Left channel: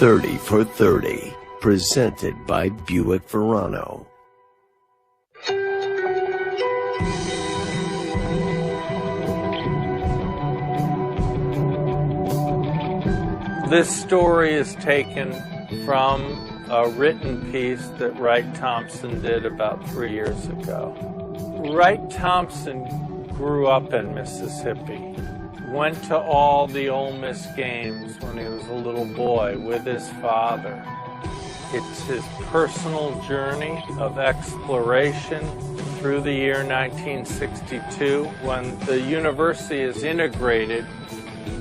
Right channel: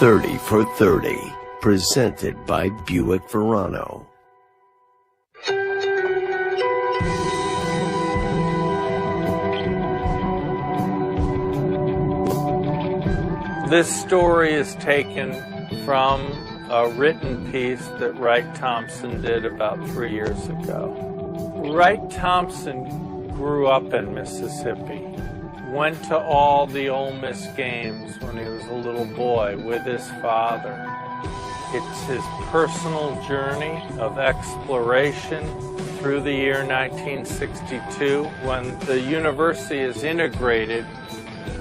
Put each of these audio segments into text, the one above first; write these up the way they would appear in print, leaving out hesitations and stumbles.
30 for 30, presented by Buick Verano. This story is taken from a written piece that Wright Thompson did about 3 years ago. Wright Thompson grew up in Mississippi, went to all the Ole Miss games when he was a little boy with his father. It's his personal journey of exploration through the year 1962 when the university is integrated.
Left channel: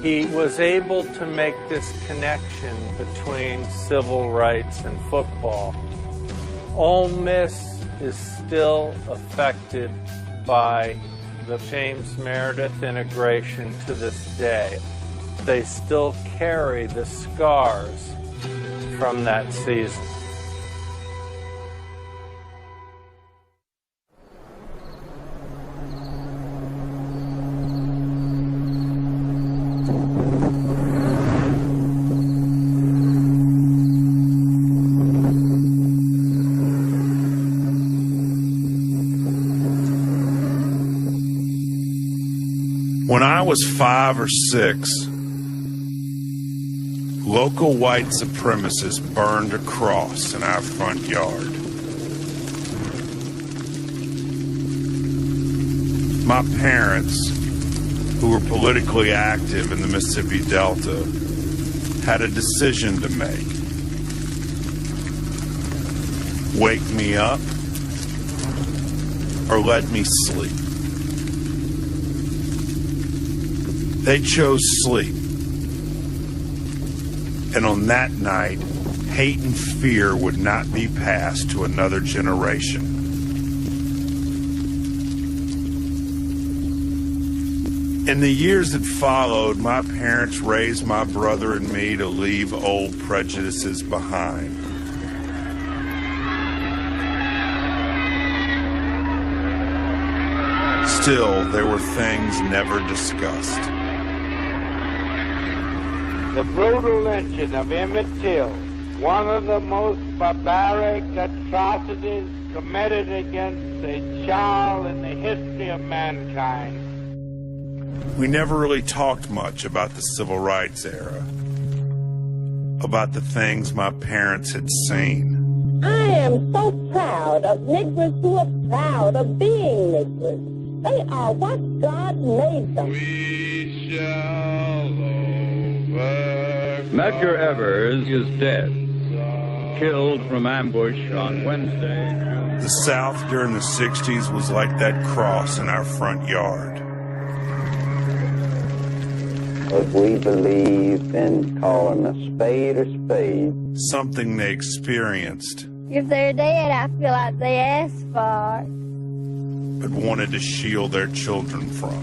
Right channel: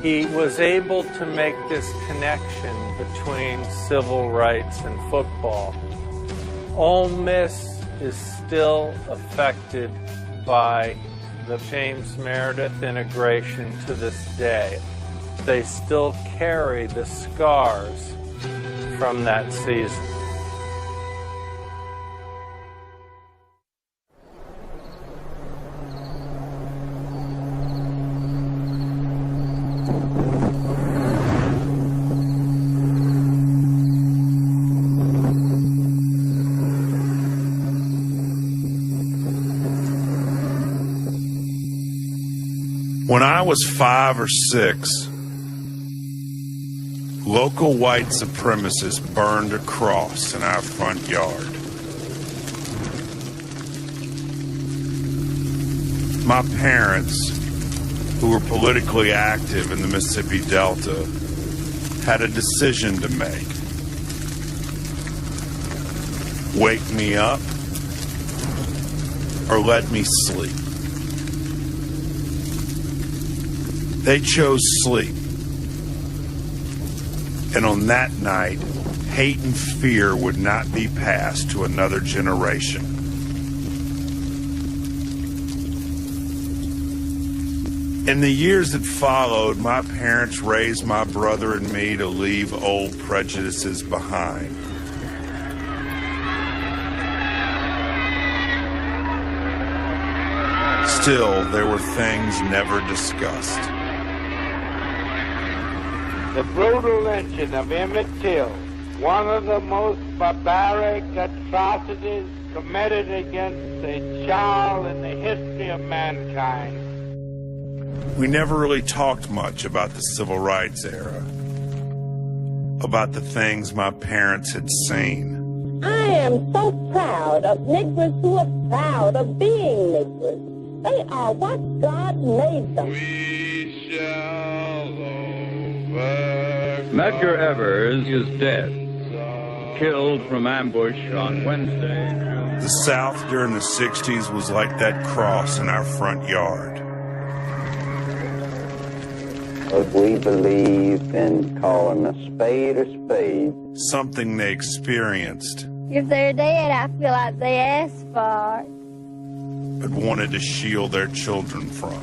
He was able to make this connection between civil rights and football. Ole Miss is still affected by the James Meredith integration to this day. They still carry the scars from that season. When I was 5 or 6, local white supremacists burned a cross in our front yard. My parents, who were politically active in the Mississippi Delta, had a decision to make. Wake me up or let me sleep. They chose sleep. And on that night, hate and fear would not be passed to another generation. In the years that followed, my parents raised my brother and me to leave old prejudices behind. Still, there were things never discussed. The brutal lynching of Emmett Till, one of the most barbaric atrocities committed against a child in the history of mankind. We never really talked much about the civil rights era, about the things my parents had seen. I am so proud of Negroes who are proud of being Negroes. They are what God made them. We shall Medgar Evers is dead, killed from ambush on Wednesday. The South during the 60s was like that cross in our front yard. If we believe in calling a spade, Something they experienced, if they're dead, I feel like they asked for it. but wanted to shield their children from.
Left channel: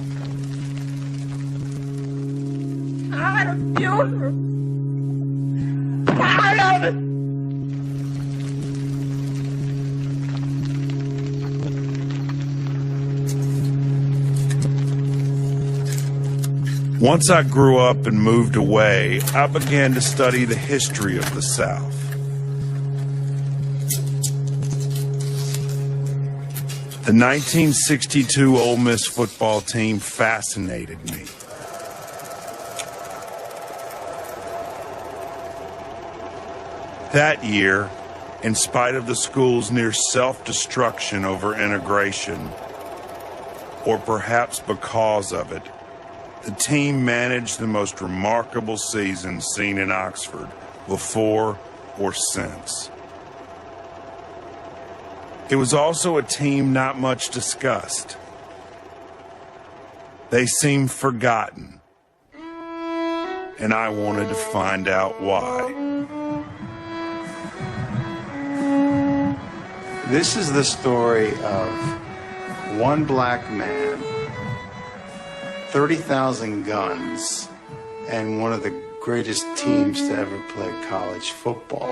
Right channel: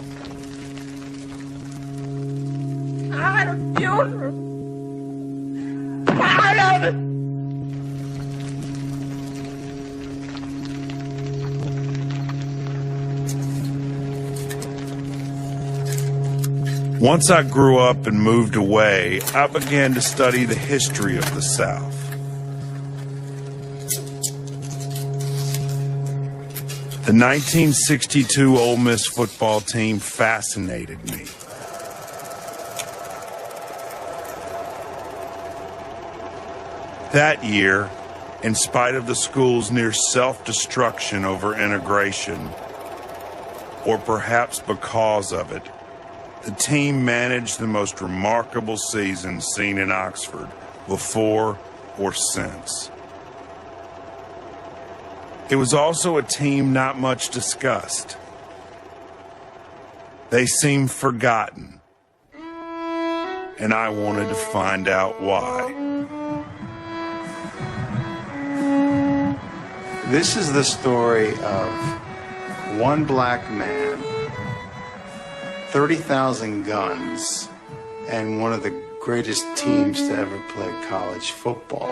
I have children. Proud of it. Once I grew up and moved away, I began to study the history of the South. The 1962 Ole Miss football team fascinated me. That year, in spite of the school's near self-destruction over integration, or perhaps because of it, the team managed the most remarkable season seen in Oxford before or since. It was also a team not much discussed. They seemed forgotten, and I wanted to find out why. This is the story of one black man, 30,000 guns, and one of the greatest teams to ever play college football.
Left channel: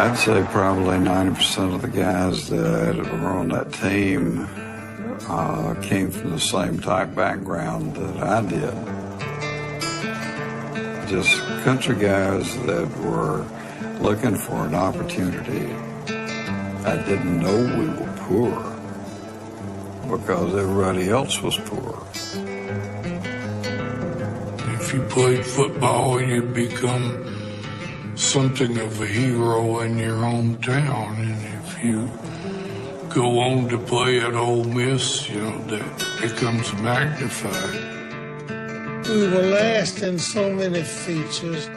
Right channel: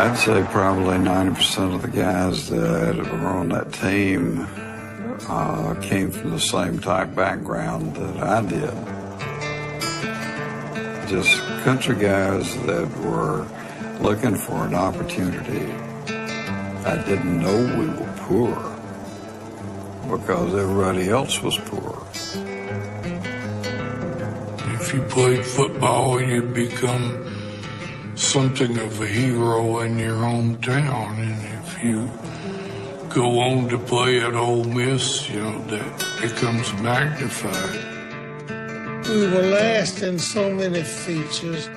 I'd say probably 90% of the guys that were on that team came from the same type background that I did. Just country guys that were looking for an opportunity. I didn't know we were poor because everybody else was poor. If you played football, you'd become something of a hero in your hometown. And if you go on to play at Ole Miss, that becomes magnified. We were last in so many features.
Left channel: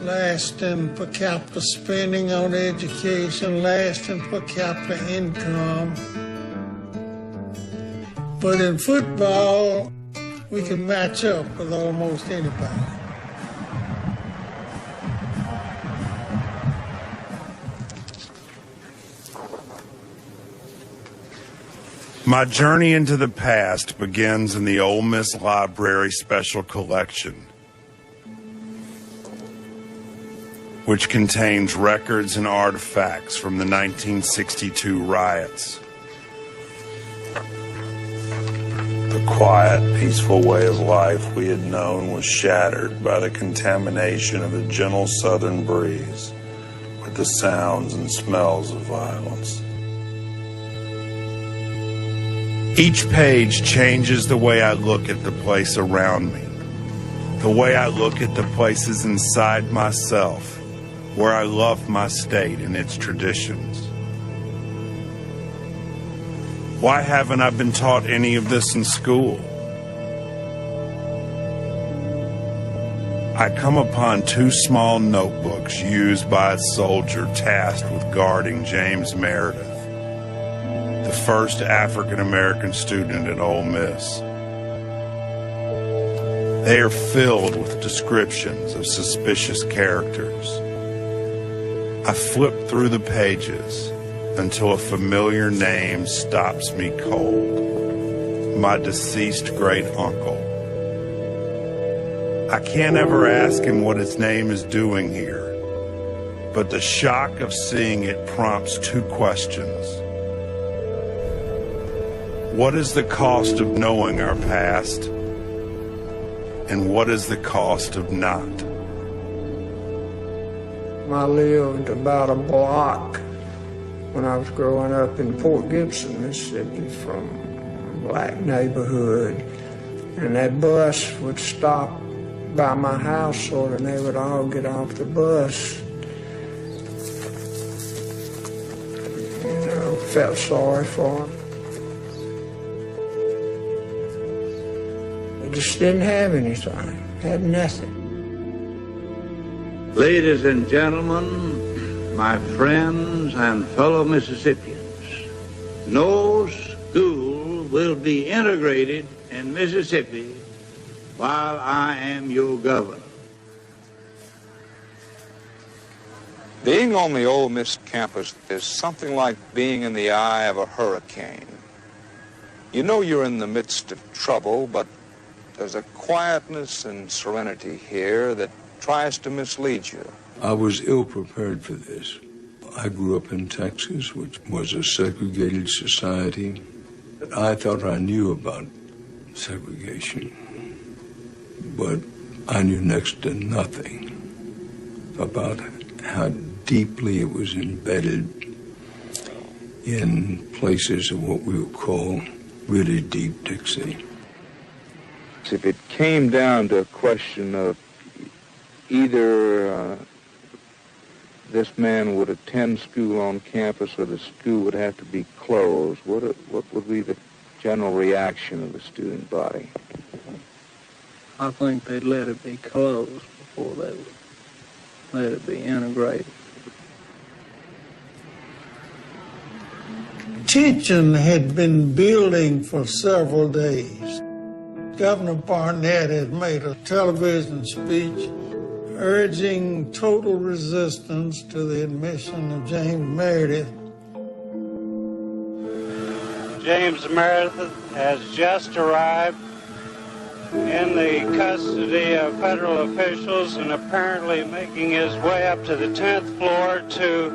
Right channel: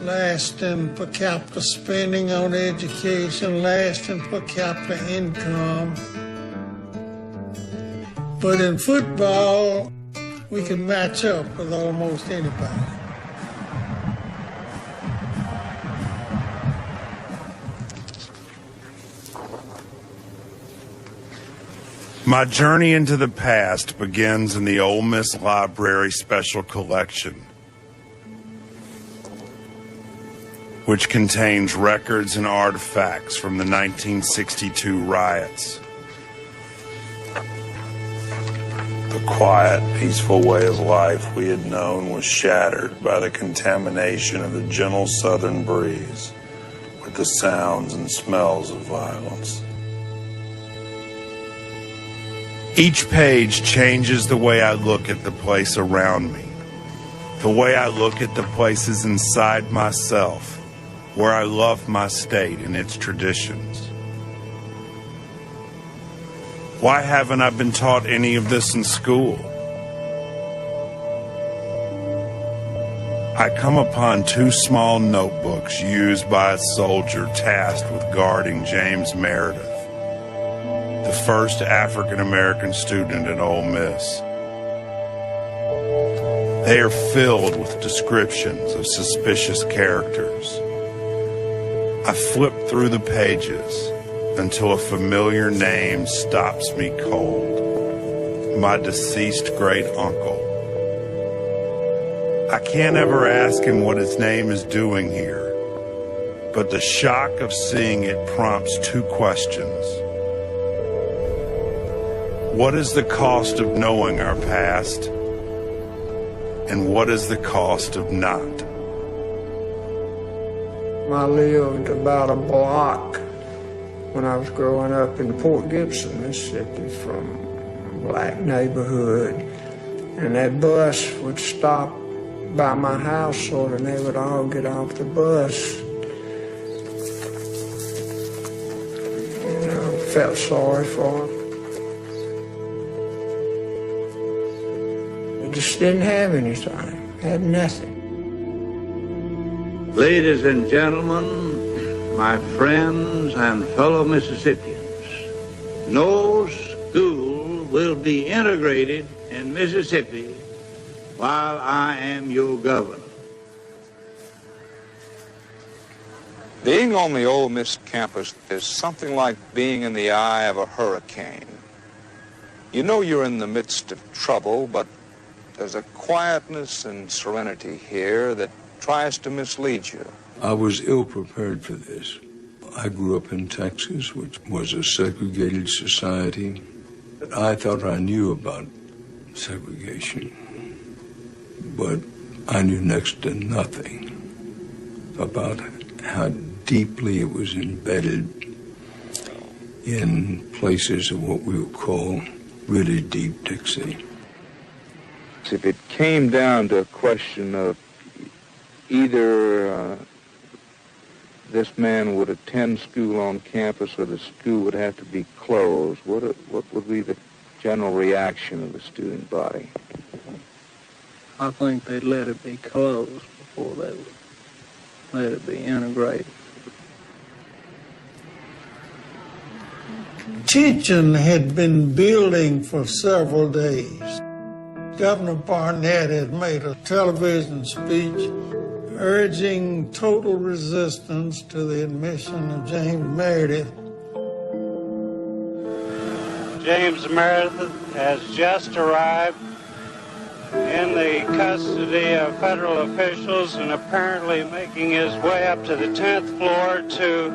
Last in per capita spending on education, last in per capita income. But in football, we can match up with almost anybody. My journey into the past begins in the Ole Miss Library Special Collection, which contains records and artifacts from the 1962 riots. The quiet, peaceful way of life we had known was shattered by the contamination of a gentle southern breeze with the sounds and smells of violence. Each page changes the way I look at the place around me, the way I look at the places inside myself, where I love my state and its traditions. Why haven't I been taught any of this in school? I come upon 2 small notebooks used by a soldier tasked with guarding James Meredith, the first African-American student at Ole Miss. They are filled with descriptions of suspicious characters. I flip through the pages until a familiar name stops me cold. My deceased great uncle. I can't ever ask him what his name is doing here, but the shock of seeing it prompts 2 questions. What is the cost of knowing our past? And what is the cost of not? I lived about a block when I was growing up in Fort Gibson, Mississippi, from a black neighborhood. And that bus would stop by my house, and they would all get off the bus. Felt sorry for them. They just didn't have anything, had nothing. Ladies and gentlemen, my friends and fellow Mississippians, no school will be integrated in Mississippi while I am your governor. Being on the Ole Miss campus is something like being in the eye of a hurricane. You know you're in the midst of trouble, but there's a quietness and serenity here that tries to mislead you. I was ill-prepared for this. I grew up in Texas, which was a segregated society. I thought I knew about segregation, but I knew next to nothing about how deeply it was embedded in places of what we would call really deep Dixie. If it came down to a question of either this man would attend school on campus or the school would have to be closed, what would be the general reaction of the student body? I think they'd let it be closed before they would let it be integrated. Tension had been building for several days. Governor Barnett had made a television speech urging total resistance to the admission of James Meredith. James Meredith has just arrived in the custody of federal officials and apparently making his way up to the 10th floor to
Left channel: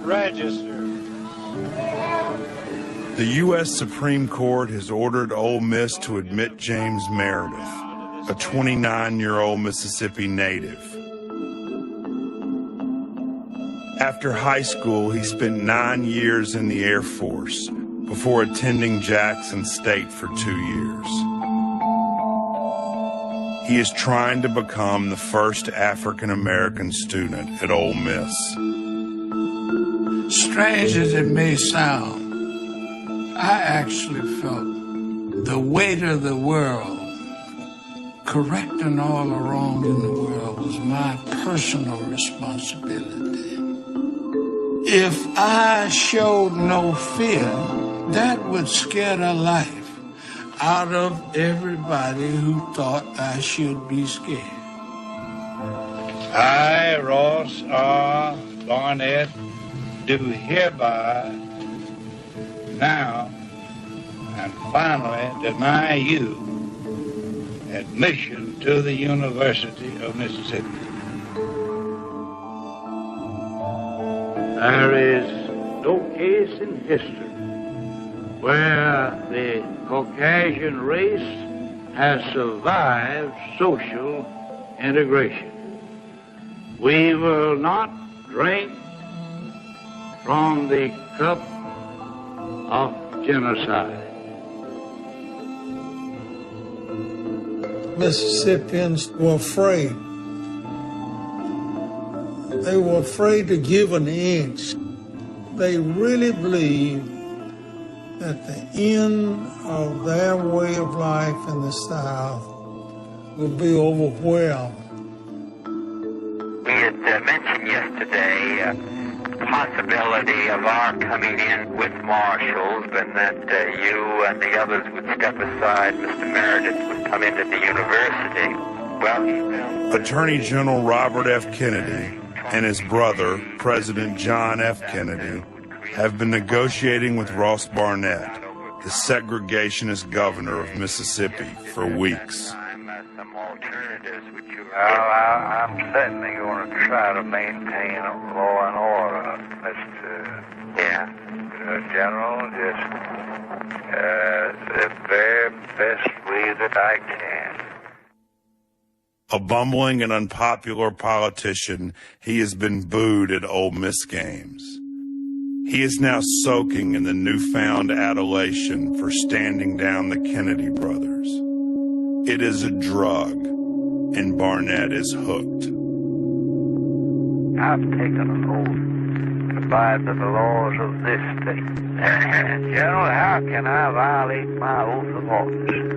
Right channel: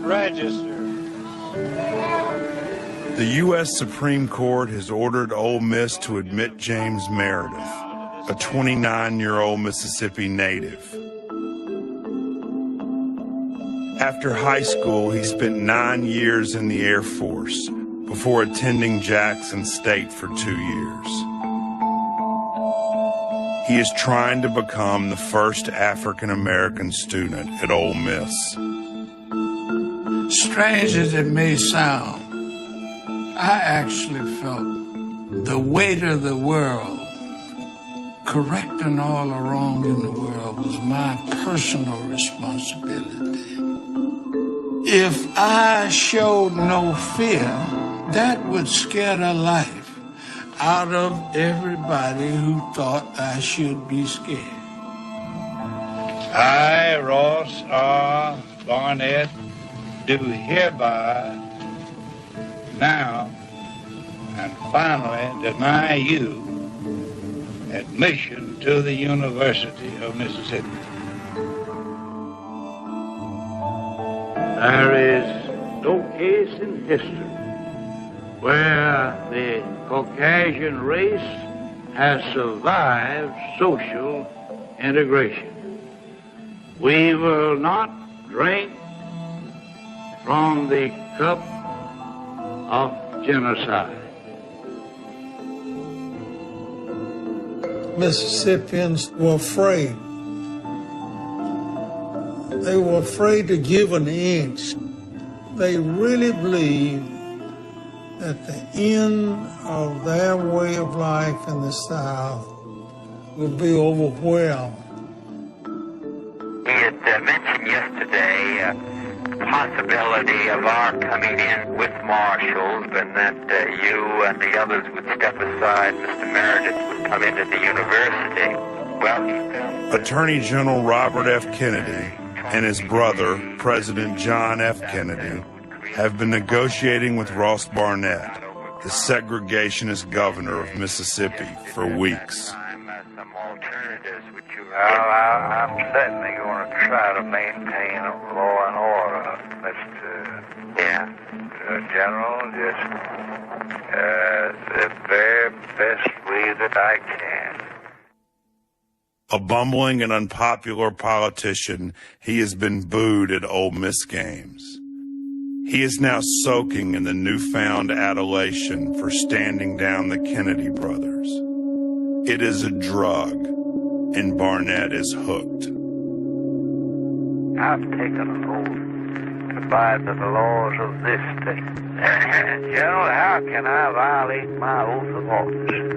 register. The U.S. Supreme Court has ordered Ole Miss to admit James Meredith, a 29-year-old Mississippi native. After high school, he spent 9 years in the Air Force before attending Jackson State for 2 years. He is trying to become the first African-American student at Ole Miss. Strange as it may sound, I actually felt the weight of the world, correcting all around in the world, was my personal responsibility. If I showed no fear, that would scare the life out of everybody who thought I should be scared. I, Ross R. Barnett, do hereby now and finally deny you admission to the University of Mississippi. There is no case in history where the Caucasian race has survived social integration. We will not drink from the cup of genocide. Mississippians were afraid. They were afraid to give an inch. They really believed that the end of their way of life in the South would be overwhelmed. He had mentioned yesterday the possibility of our coming in with marshals and that you and the others would step aside, Mr. Meredith would come into the university. Well, Attorney General Robert F. Kennedy and his brother, President John F. Kennedy, have been negotiating with Ross Barnett, the segregationist governor of Mississippi, for weeks. Well, I'm certainly going to try to maintain law and order, Mr. General, just the very best way that I can. A bumbling and unpopular politician, he has been booed at Ole Miss games. He is now soaking in the newfound adulation for standing down the Kennedy brothers. It is a drug, and Barnett is hooked. I've taken an oath to abide by the laws of this state. General, how can I violate my oath of office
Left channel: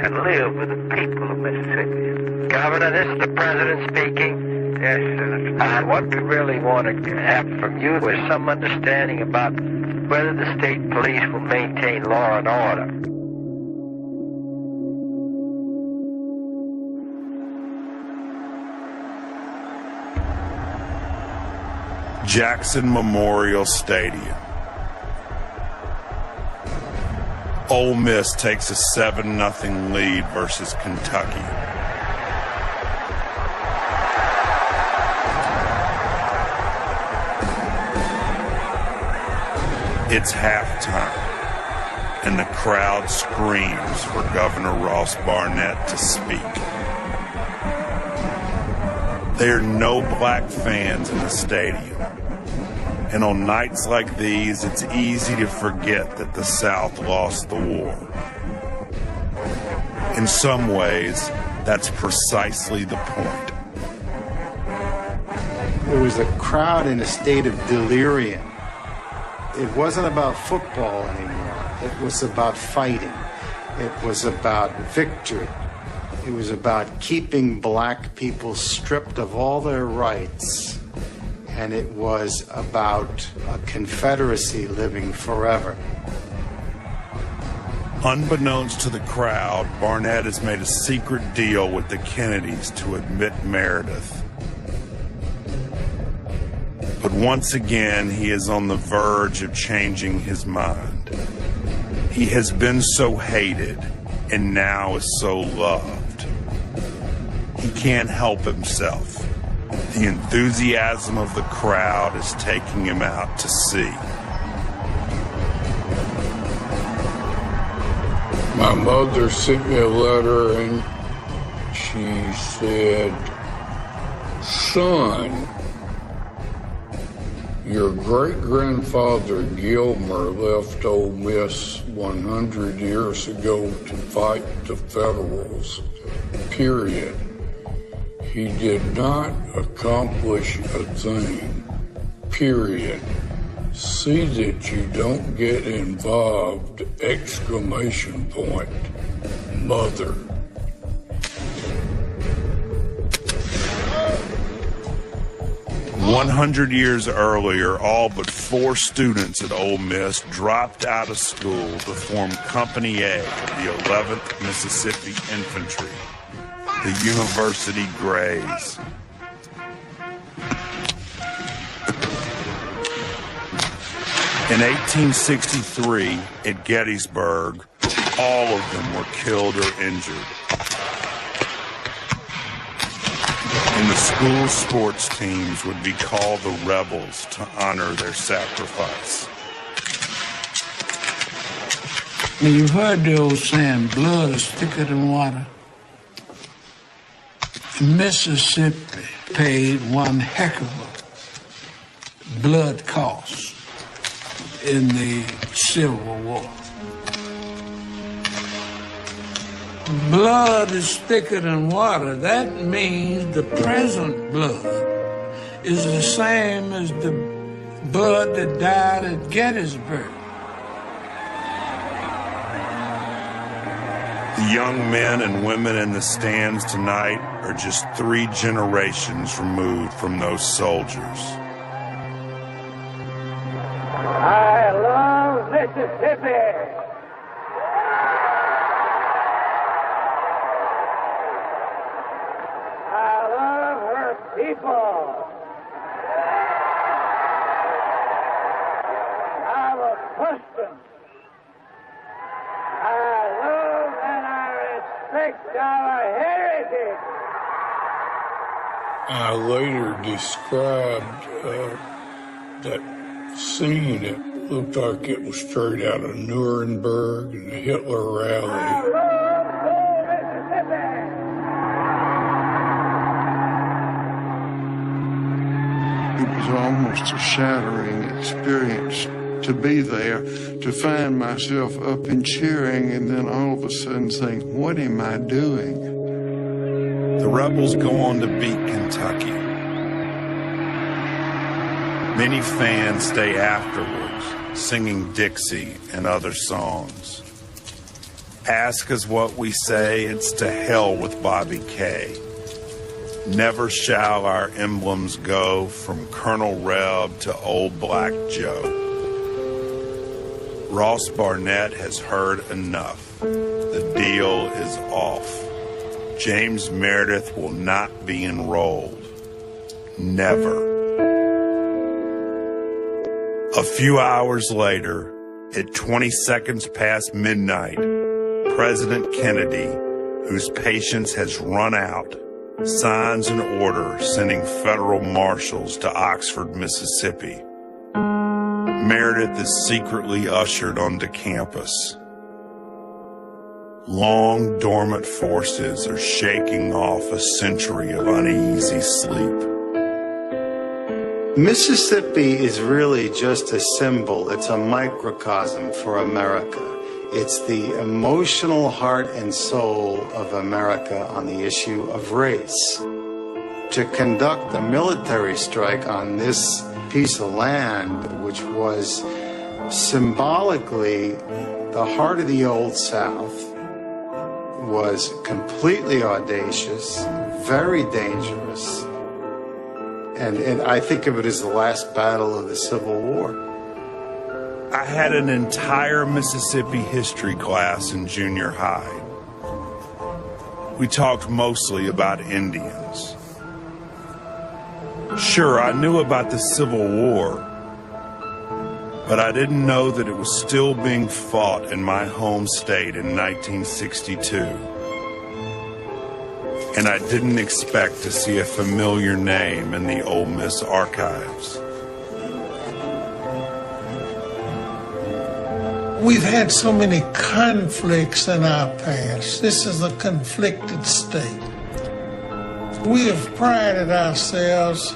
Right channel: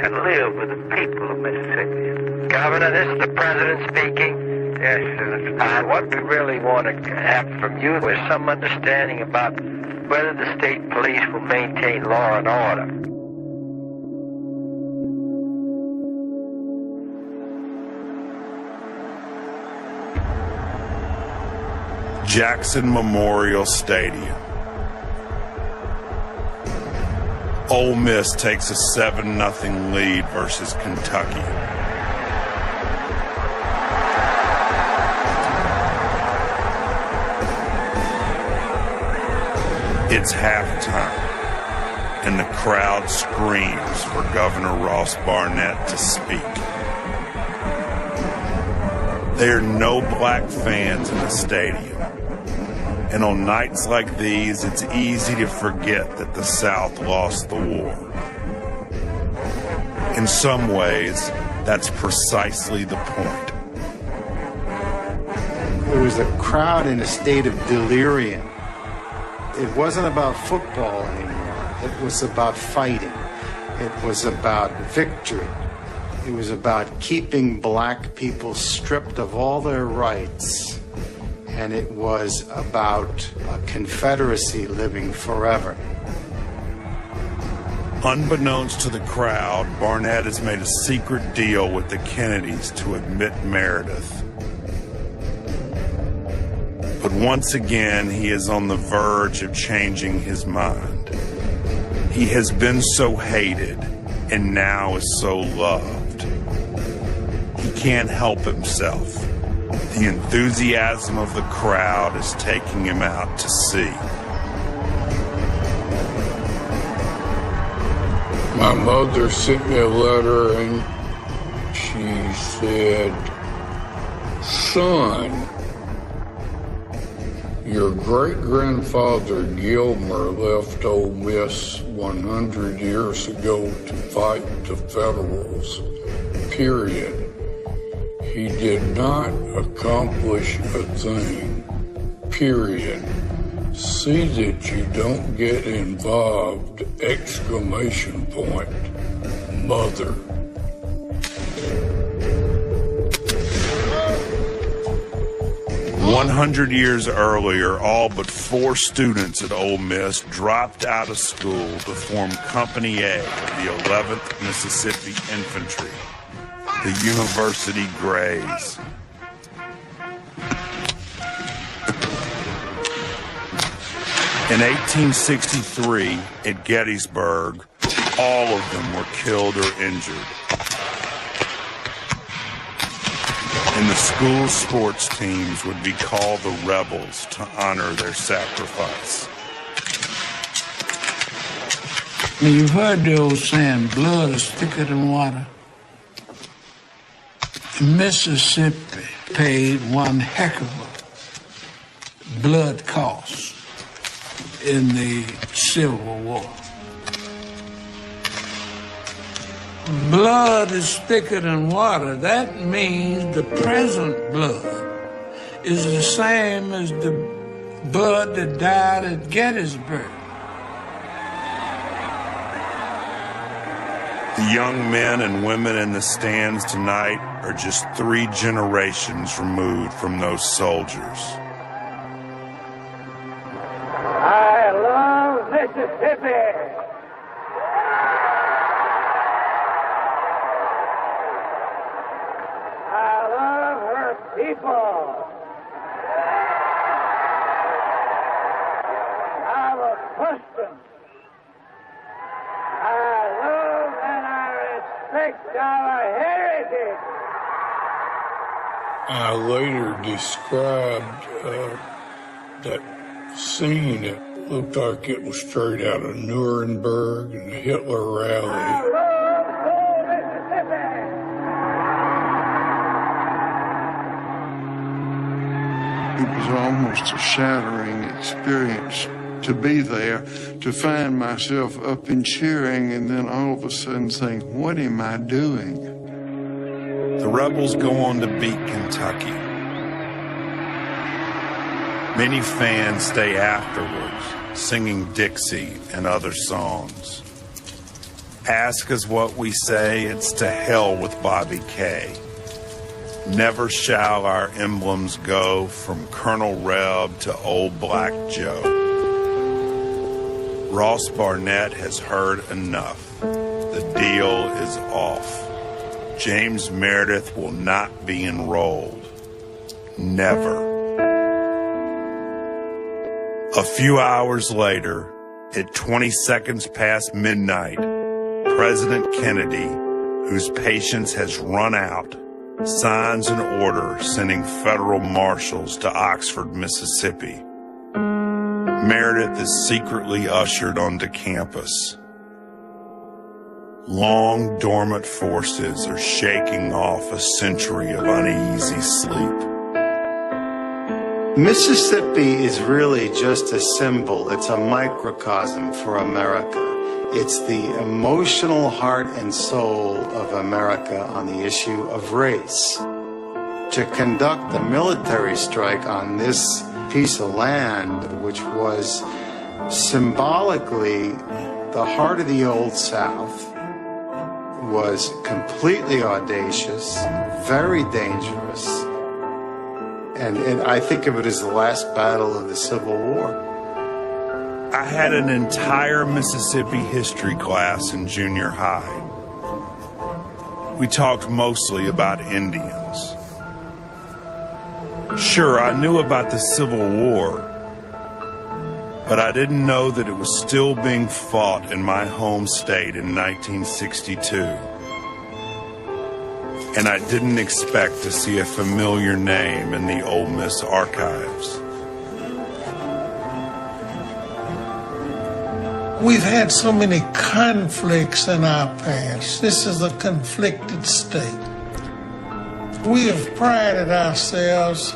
and live with the people of Mississippi? Governor, this is the president speaking. Yes, sir. What we really want to have from you is some understanding about whether the state police will maintain law and order. Jackson Memorial Stadium. Ole Miss takes a 7-0 lead versus Kentucky. It's halftime, and the crowd screams for Governor Ross Barnett to speak. There are no black fans in the stadium, and on nights like these, it's easy to forget that the South lost the war. In some ways, that's precisely the point. There was a crowd in a state of delirium. It wasn't about football anymore. It was about fighting. It was about victory. It was about keeping black people stripped of all their rights. And it was about a Confederacy living forever. Unbeknownst to the crowd, Barnett has made a secret deal with the Kennedys to admit Meredith. But once again, he is on the verge of changing his mind. He has been so hated, and now is so loved. He can't help himself. The enthusiasm of the crowd is taking him out to sea. My mother sent me a letter and she said, "Son, your great-grandfather Gilmer left Ole Miss 100 years ago to fight the Federals, period. He did not accomplish a thing, period. See that you don't get involved, exclamation point, mother." 100 years earlier, all but 4 students at Ole Miss dropped out of school to form Company A, the 11th Mississippi Infantry, the University Grays. In 1863, at Gettysburg, all of them were killed or injured. And the school sports teams would be called the Rebels to honor their sacrifice. Now, you've heard the old saying, blood is thicker than water. Mississippi paid one heck of a blood cost in the Civil War. Blood is thicker than water. That means the present blood is the same as the blood that died at Gettysburg. The young men and women in the stands tonight are just 3 generations removed from those soldiers. I love Mississippi. I love her people. Our customs. I love and I respect our heritage. I later described that scene that looked like it was straight out of Nuremberg and the Hitler rally. It was almost a shattering experience to be there, to find myself up and cheering, and then all of a sudden think, what am I doing? The Rebels go on to beat Kentucky. Many fans stay afterwards, singing Dixie and other songs. Ask us what we say, it's to hell with Bobby K. Never shall our emblems go from Colonel Reb to Old Black Joe. Ross Barnett has heard enough. The deal is off. James Meredith will not be enrolled. Never. A few hours later, at 20 seconds past midnight, President Kennedy, whose patience has run out, signs an order sending federal marshals to Oxford, Mississippi. Meredith is secretly ushered onto campus. Long dormant forces are shaking off a century of uneasy sleep. Mississippi is really just a symbol. It's a microcosm for America. It's the emotional heart and soul of America on the issue of race. To conduct a military strike on this piece of land, which was symbolically the heart of the Old South, was completely audacious, very dangerous. And I think of it as the last battle of the Civil War. I had an entire Mississippi history class in junior high. We talked mostly about Indians. Sure, I knew about the Civil War, but I didn't know that it was still being fought in my home state in 1962. and I didn't expect to see a familiar name in the Ole Miss archives. We've had so many conflicts in our past. This is a conflicted state. We have prided ourselves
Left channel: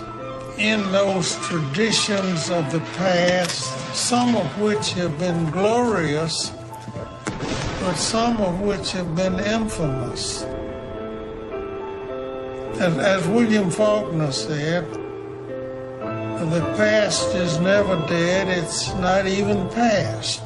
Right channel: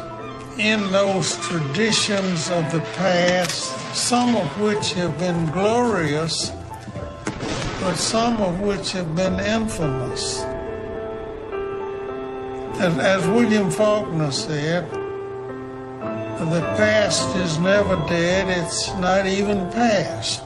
in those traditions of the past, some of which have been glorious, but some of which have been infamous. And as William Faulkner said, the past is never dead, it's not even past.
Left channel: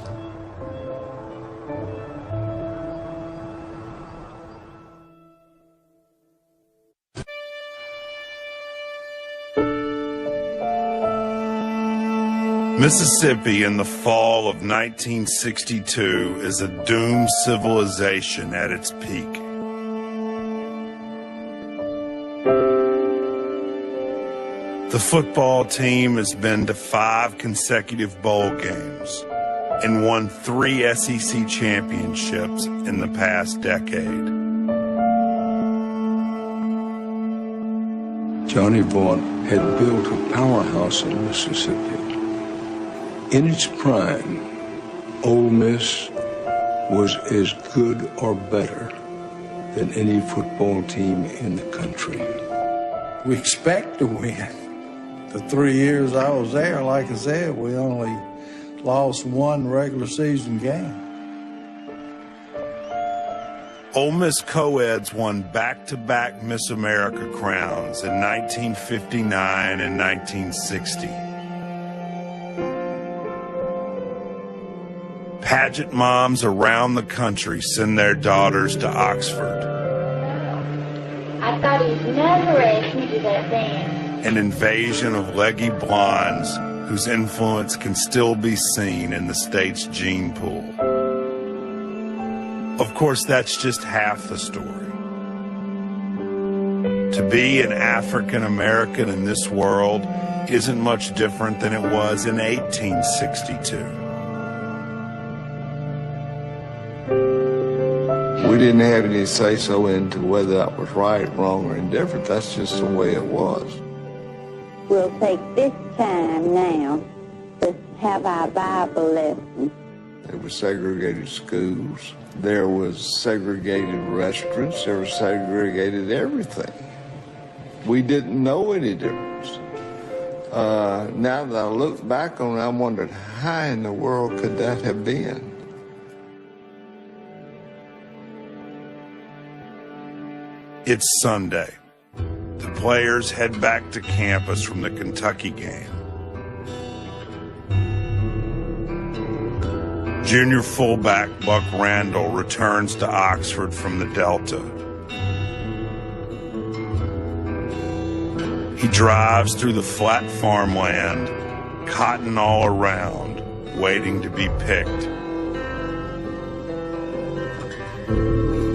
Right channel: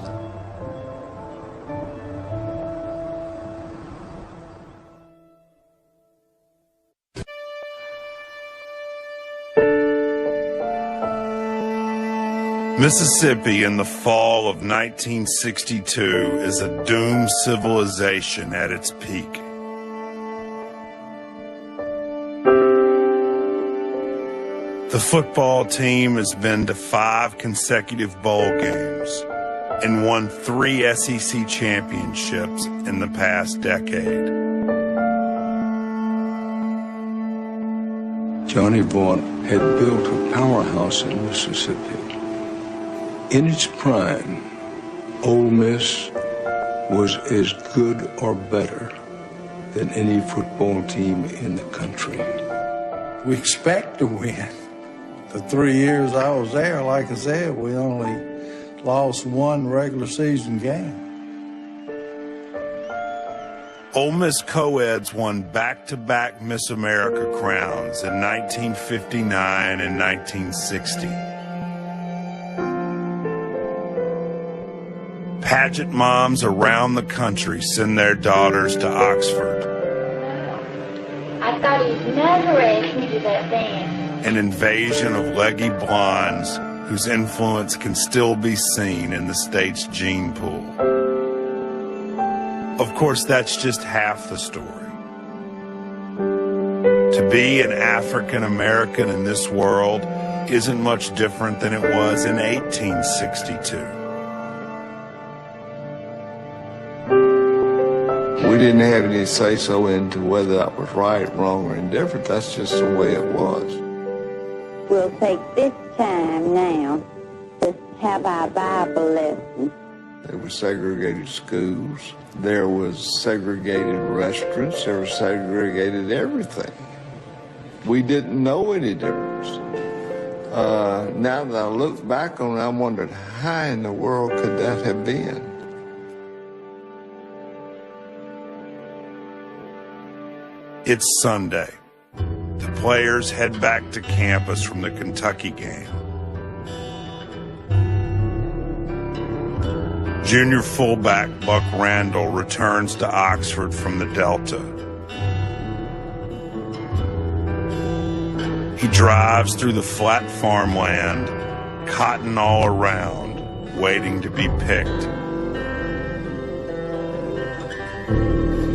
Mississippi in the fall of 1962 is a doomed civilization at its peak. The football team has been to 5 consecutive bowl games and won 3 SEC championships in the past decade. Johnny Vaughn had built a powerhouse in Mississippi. In its prime, Ole Miss was as good or better than any football team in the country. We expect to win. The 3 years I was there, like I said, we only lost 1 regular season game. Ole Miss co-eds won back-to-back Miss America crowns in 1959 and 1960. Pageant moms around the country send their daughters to Oxford. I thought it was my race that day. An invasion of leggy blondes whose influence can still be seen in the state's gene pool. Of course, that's just half the story. To be an African American in this world isn't much different than it was in 1862. We didn't have any say-so into whether that was right, wrong, or indifferent. That's just the way it was. We'll take this time now to have our Bible lesson. There were segregated schools. There was segregated restaurants. There was segregated everything. We didn't know any difference. Now I look back on it, I wondered, how in the world could that have been? It's Sunday. The players head back to campus from the Kentucky game. Junior fullback Buck Randall returns to Oxford from the Delta. He drives through the flat farmland, cotton all around, waiting to be picked.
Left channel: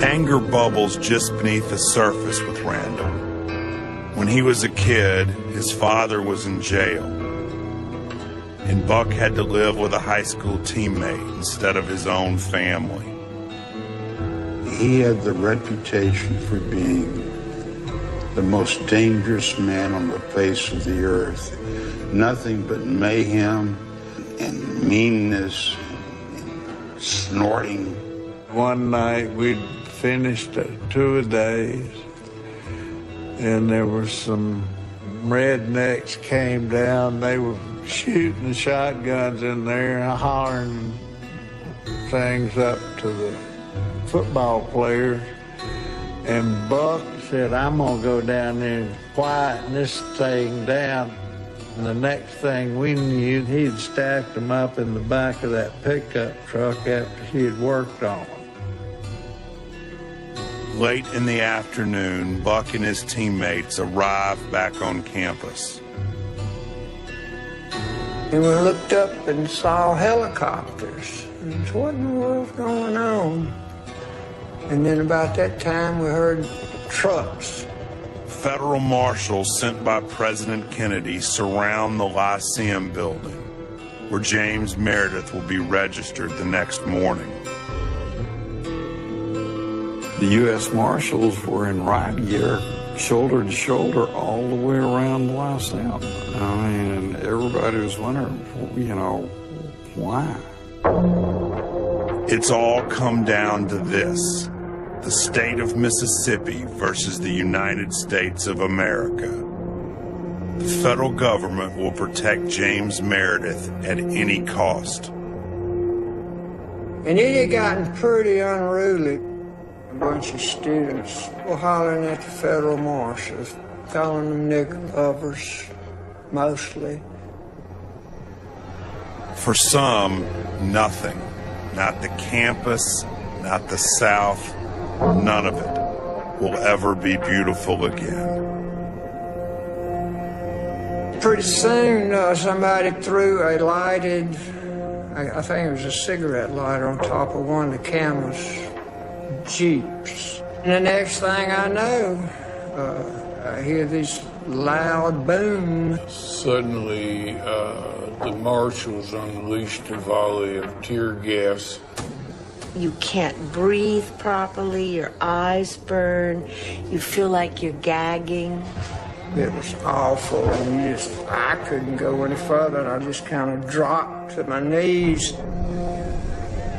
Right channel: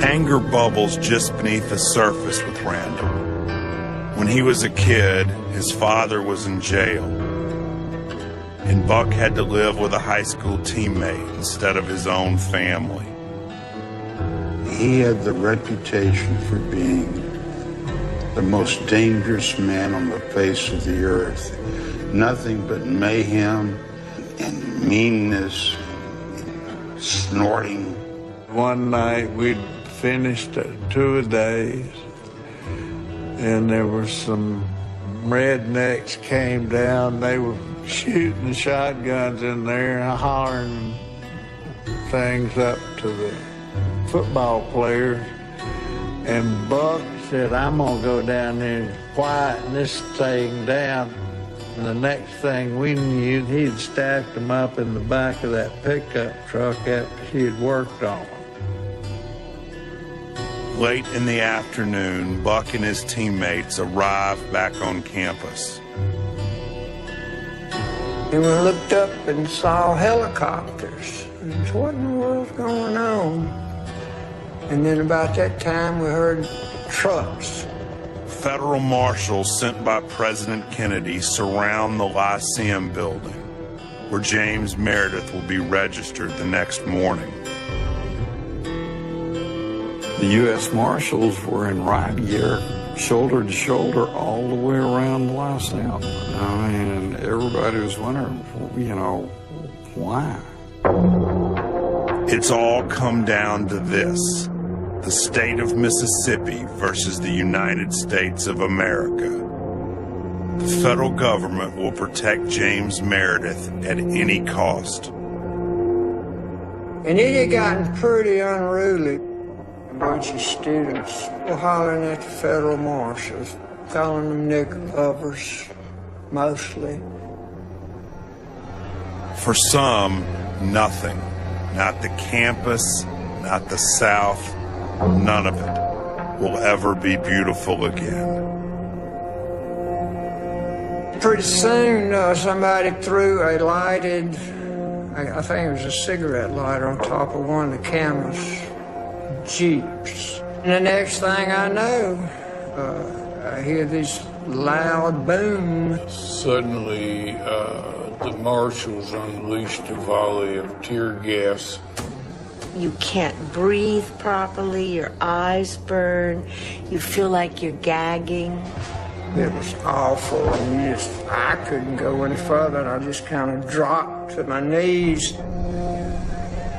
Anger bubbles just beneath the surface with Randall. When he was a kid, his father was in jail, and Buck had to live with a high school teammate instead of his own family. He had the reputation for being the most dangerous man on the face of the earth. Nothing but mayhem and meanness and snorting. One night we'd finished 2 days, and there were some rednecks came down. They were shooting shotguns in there, hollering things up to the football players. And Buck said, I'm going to go down there and quieten this thing down. And the next thing we knew, he'd stacked them up in the back of that pickup truck after he had worked on them. Late in the afternoon, Buck and his teammates arrive back on campus. We looked up and saw helicopters. What in the world's going on? And then about that time we heard trucks. Federal marshals sent by President Kennedy surround the Lyceum building, where James Meredith will be registered the next morning. The U.S. Marshals were in riot gear, shoulder to shoulder, all the way around the Lyceum. I mean, and everybody was wondering, why? It's all come down to this: the state of Mississippi versus the United States of America. The federal government will protect James Meredith at any cost. And it had gotten pretty unruly. A bunch of students were hollering at the federal marshals, calling them knickerbockers, mostly. For some, nothing. Not the campus, not the South, none of it will ever be beautiful again. Pretty soon, somebody threw a lighted, I think it was a cigarette lighter on top of one of the campus Jeeps. And the next thing I know, I hear this loud boom. Suddenly, the marshals unleashed a volley of tear gas. You can't breathe properly, your eyes burn, you feel like you're gagging. It was awful. I couldn't go any further. I just kind of dropped to my knees.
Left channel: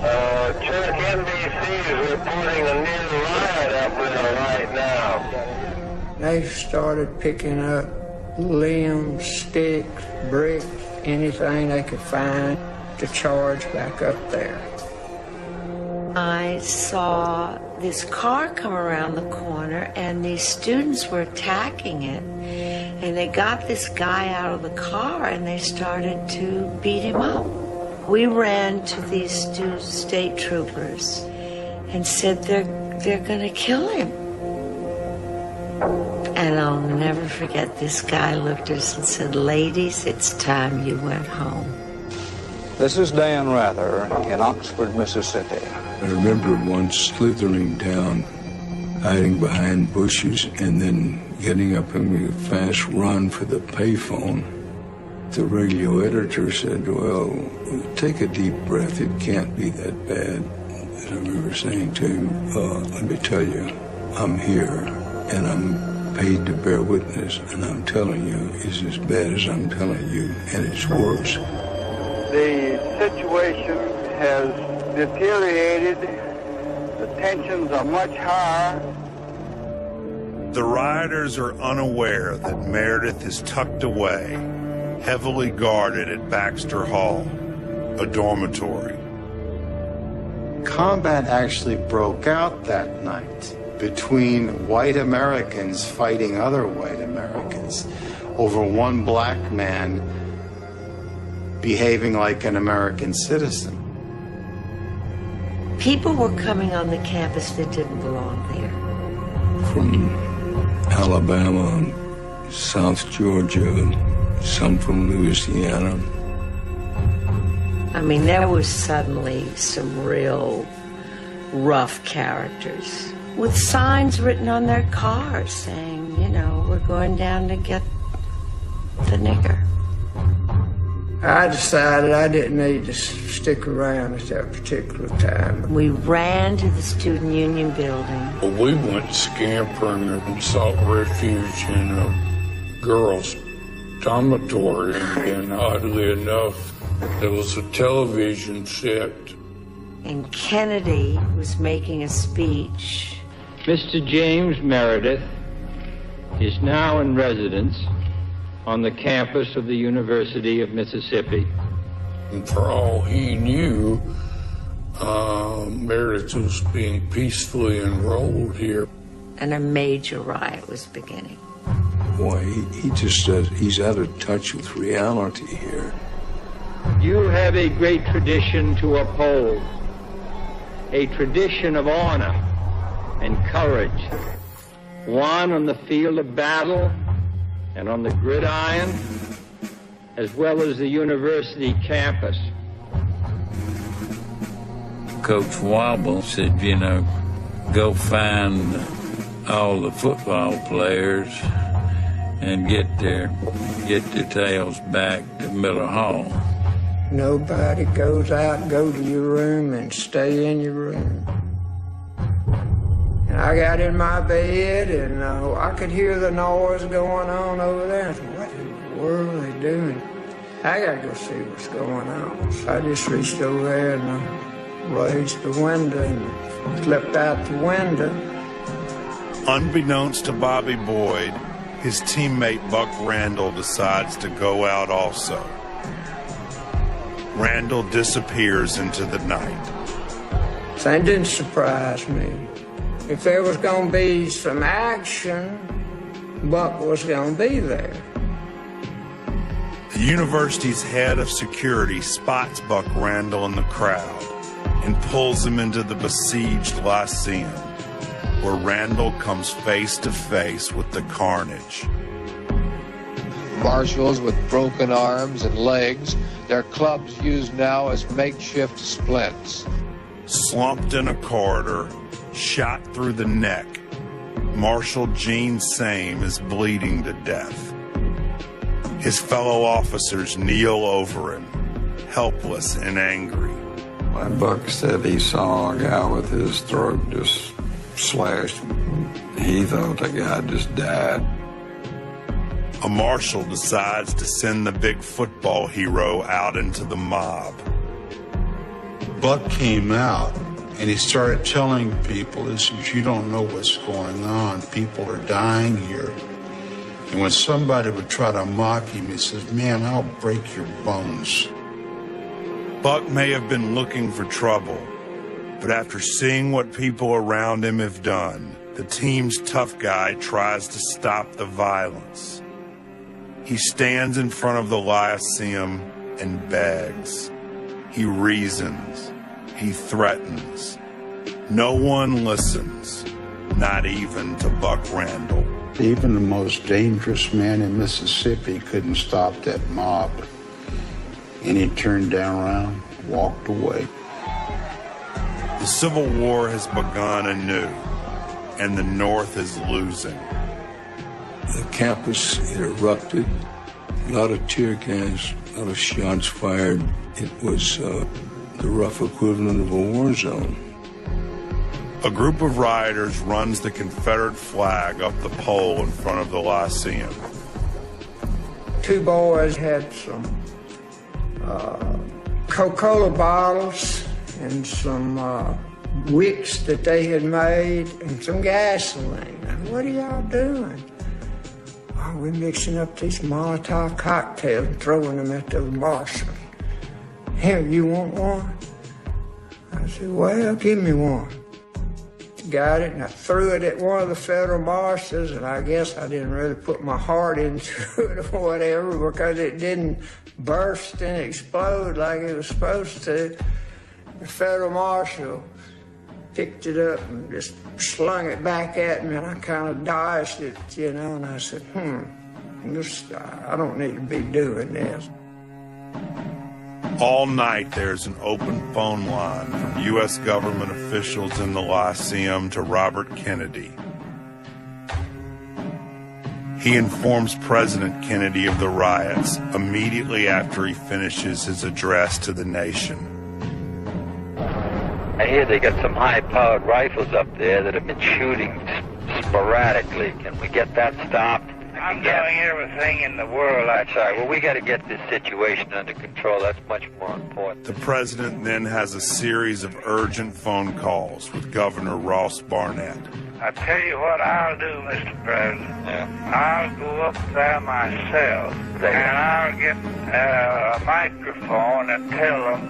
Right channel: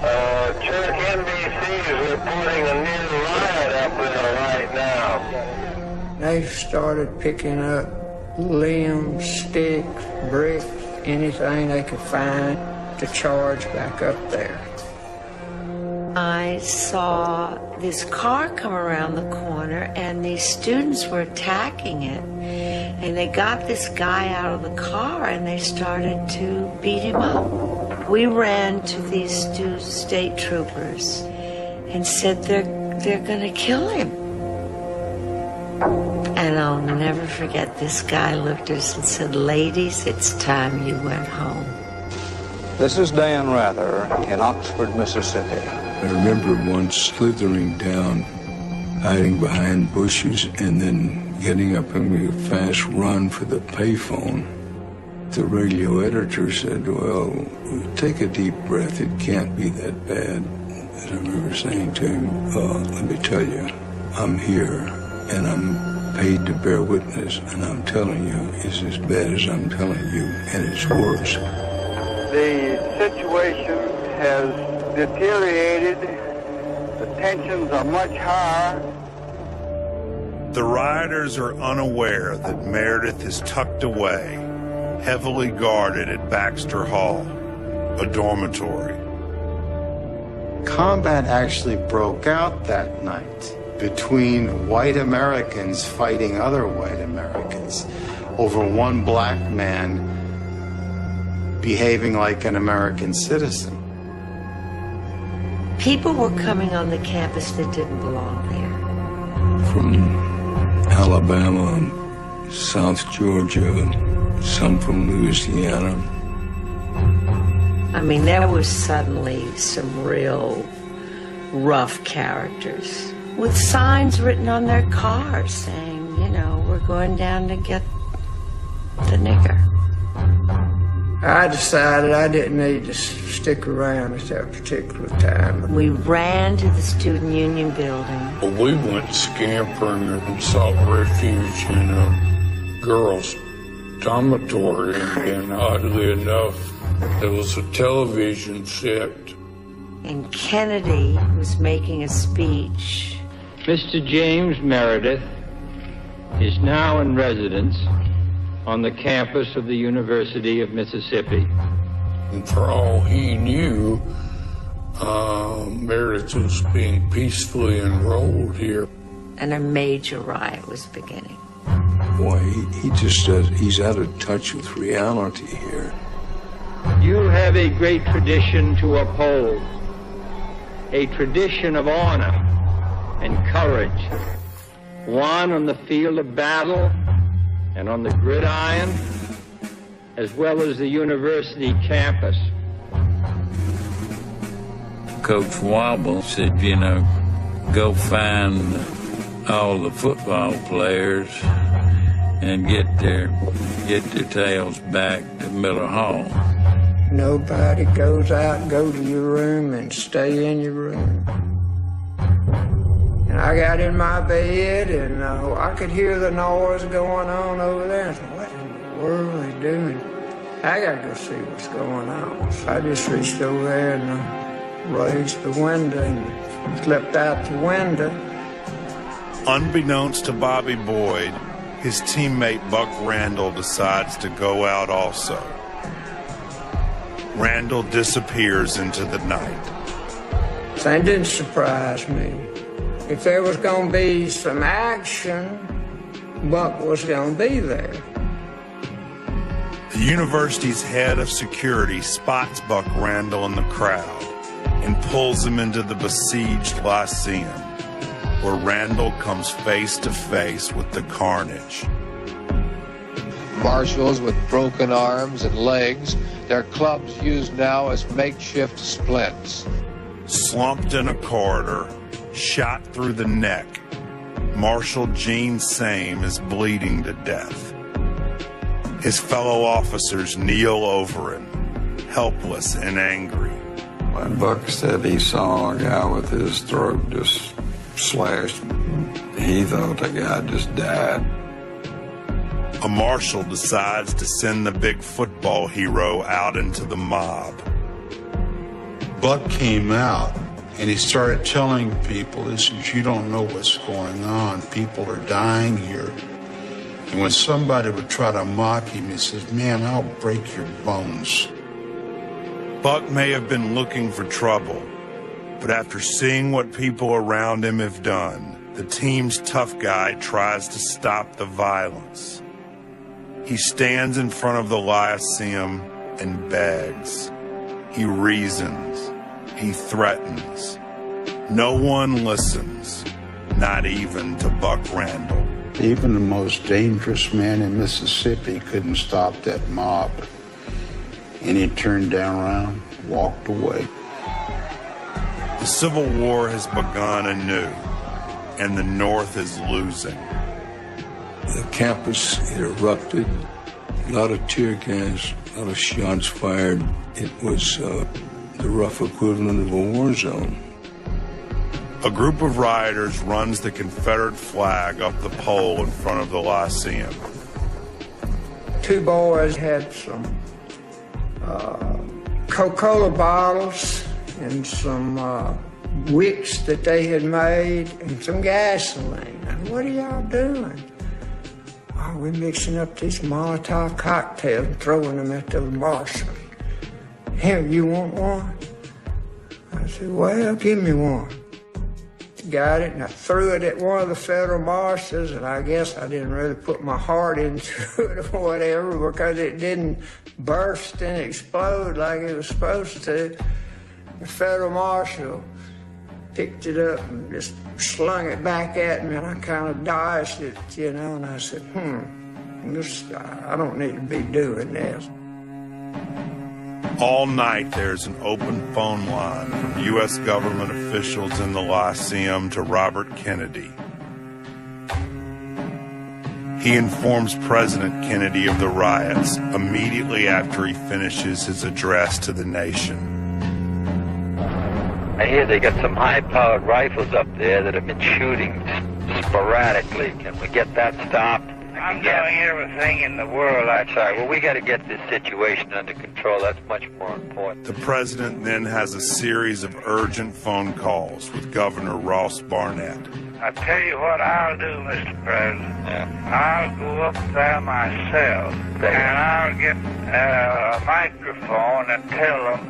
Check NBC is reporting a new riot up there right now. They started picking up limbs, sticks, bricks, anything they could find to charge back up there. I saw this car come around the corner and these students were attacking it. And they got this guy out of the car and they started to beat him up. We ran to these two state troopers and said they're gonna kill him. And I'll never forget, this guy looked at us and said, "Ladies, it's time you went home." This is Dan Rather in Oxford, Mississippi. I remember once slithering down, hiding behind bushes, and then getting up and making a fast run for the payphone. The radio editor said, "Well, take a deep breath. It can't be that bad." And I remember saying to him, "Let me tell you, I'm here, and I'm paid to bear witness, and I'm telling you, it's as bad as I'm telling you, and it's worse." The situation has deteriorated. The tensions are much higher. The rioters are unaware that Meredith is tucked away, heavily guarded at Baxter Hall, a dormitory. Combat actually broke out that night between white Americans fighting other white Americans over one black man behaving like an American citizen. People were coming on the campus that didn't belong there. From Alabama, South Georgia, some from Louisiana. I mean, there was suddenly some real rough characters with signs written on their cars saying, we're going down to get the nigger. I decided I didn't need to stick around at that particular time. We ran to the student union building. We went scampering and sought refuge in a girls' dormitory. And oddly enough, there was a television set. And Kennedy was making a speech. Mr. James Meredith is now in residence on the campus of the University of Mississippi. And for all he knew, Meredith was being peacefully enrolled here. And a major riot was beginning. Boy, he's out of touch with reality here. You have a great tradition to uphold, a tradition of honor and courage, one on the field of battle and on the gridiron, as well as the university campus. Coach Wobble said, go find all the football players and get their tails back to Miller Hall. Nobody goes out, go to your room, and stay in your room. And I got in my bed, and I could hear the noise going on over there. I thought, what in the world are they doing? I gotta go see what's going on. So I just reached over there and raised the window and looked out the window. Unbeknownst to Bobby Boyd, his teammate Buck Randall decides to go out also. Randall disappears into the night. That didn't surprise me. If there was going to be some action, Buck was going to be there. The university's head of security spots Buck Randall in the crowd and pulls him into the besieged Lyceum, where Randall comes face to face with the carnage. Marshals with broken arms and legs, their clubs used now as makeshift splints. Slumped in a corridor, shot through the neck, Marshal Gene Same is bleeding to death. His fellow officers kneel over him, helpless and angry. My Buck said he saw a guy with his throat just slashed. He thought the guy just died. A marshal decides to send the big football hero out into the mob. Buck came out and he started telling people, he says, you don't know what's going on. People are dying here. And when somebody would try to mock him, he says, man, I'll break your bones. Buck may have been looking for trouble, but after seeing what people around him have done, the team's tough guy tries to stop the violence. He stands in front of the Lyceum and begs. He reasons. He threatens. No one listens, not even to Buck Randall. Even the most dangerous man in Mississippi couldn't stop that mob. And he turned down around, walked away. The Civil War has begun anew, and the North is losing. The campus erupted. A lot of tear gas, shots fired. It was the rough equivalent of a war zone. A group of rioters runs the Confederate flag up the pole in front of the Lyceum. Two boys had some Coca-Cola bottles and some wicks that they had made and some gasoline. What are y'all doing? Oh, we're mixing up these Molotov cocktails and throwing them at the marshal. Here, you want one? I said, well, give me one. Got it, and I threw it at one of the federal marshals, and I guess I didn't really put my heart into it or whatever because it didn't burst and explode like it was supposed to. The federal marshal picked it up and just slung it back at me, and I kind of dodged it, and I said, I don't need to be doing this. All night there's an open phone line from U.S. government officials in the Lyceum to Robert Kennedy. He informs President Kennedy of the riots immediately after he finishes his address to the nation. I hear they got some high-powered rifles up there that have been shooting sporadically. Can we get that stopped? I'm doing everything in the world. I'm sorry. Well, we got to get this situation under control. That's much more important. The president then has a series of urgent phone calls with Governor Ross Barnett. I tell you what I'll do, Mr. President. I'll go up there myself, and I'll get a microphone and tell them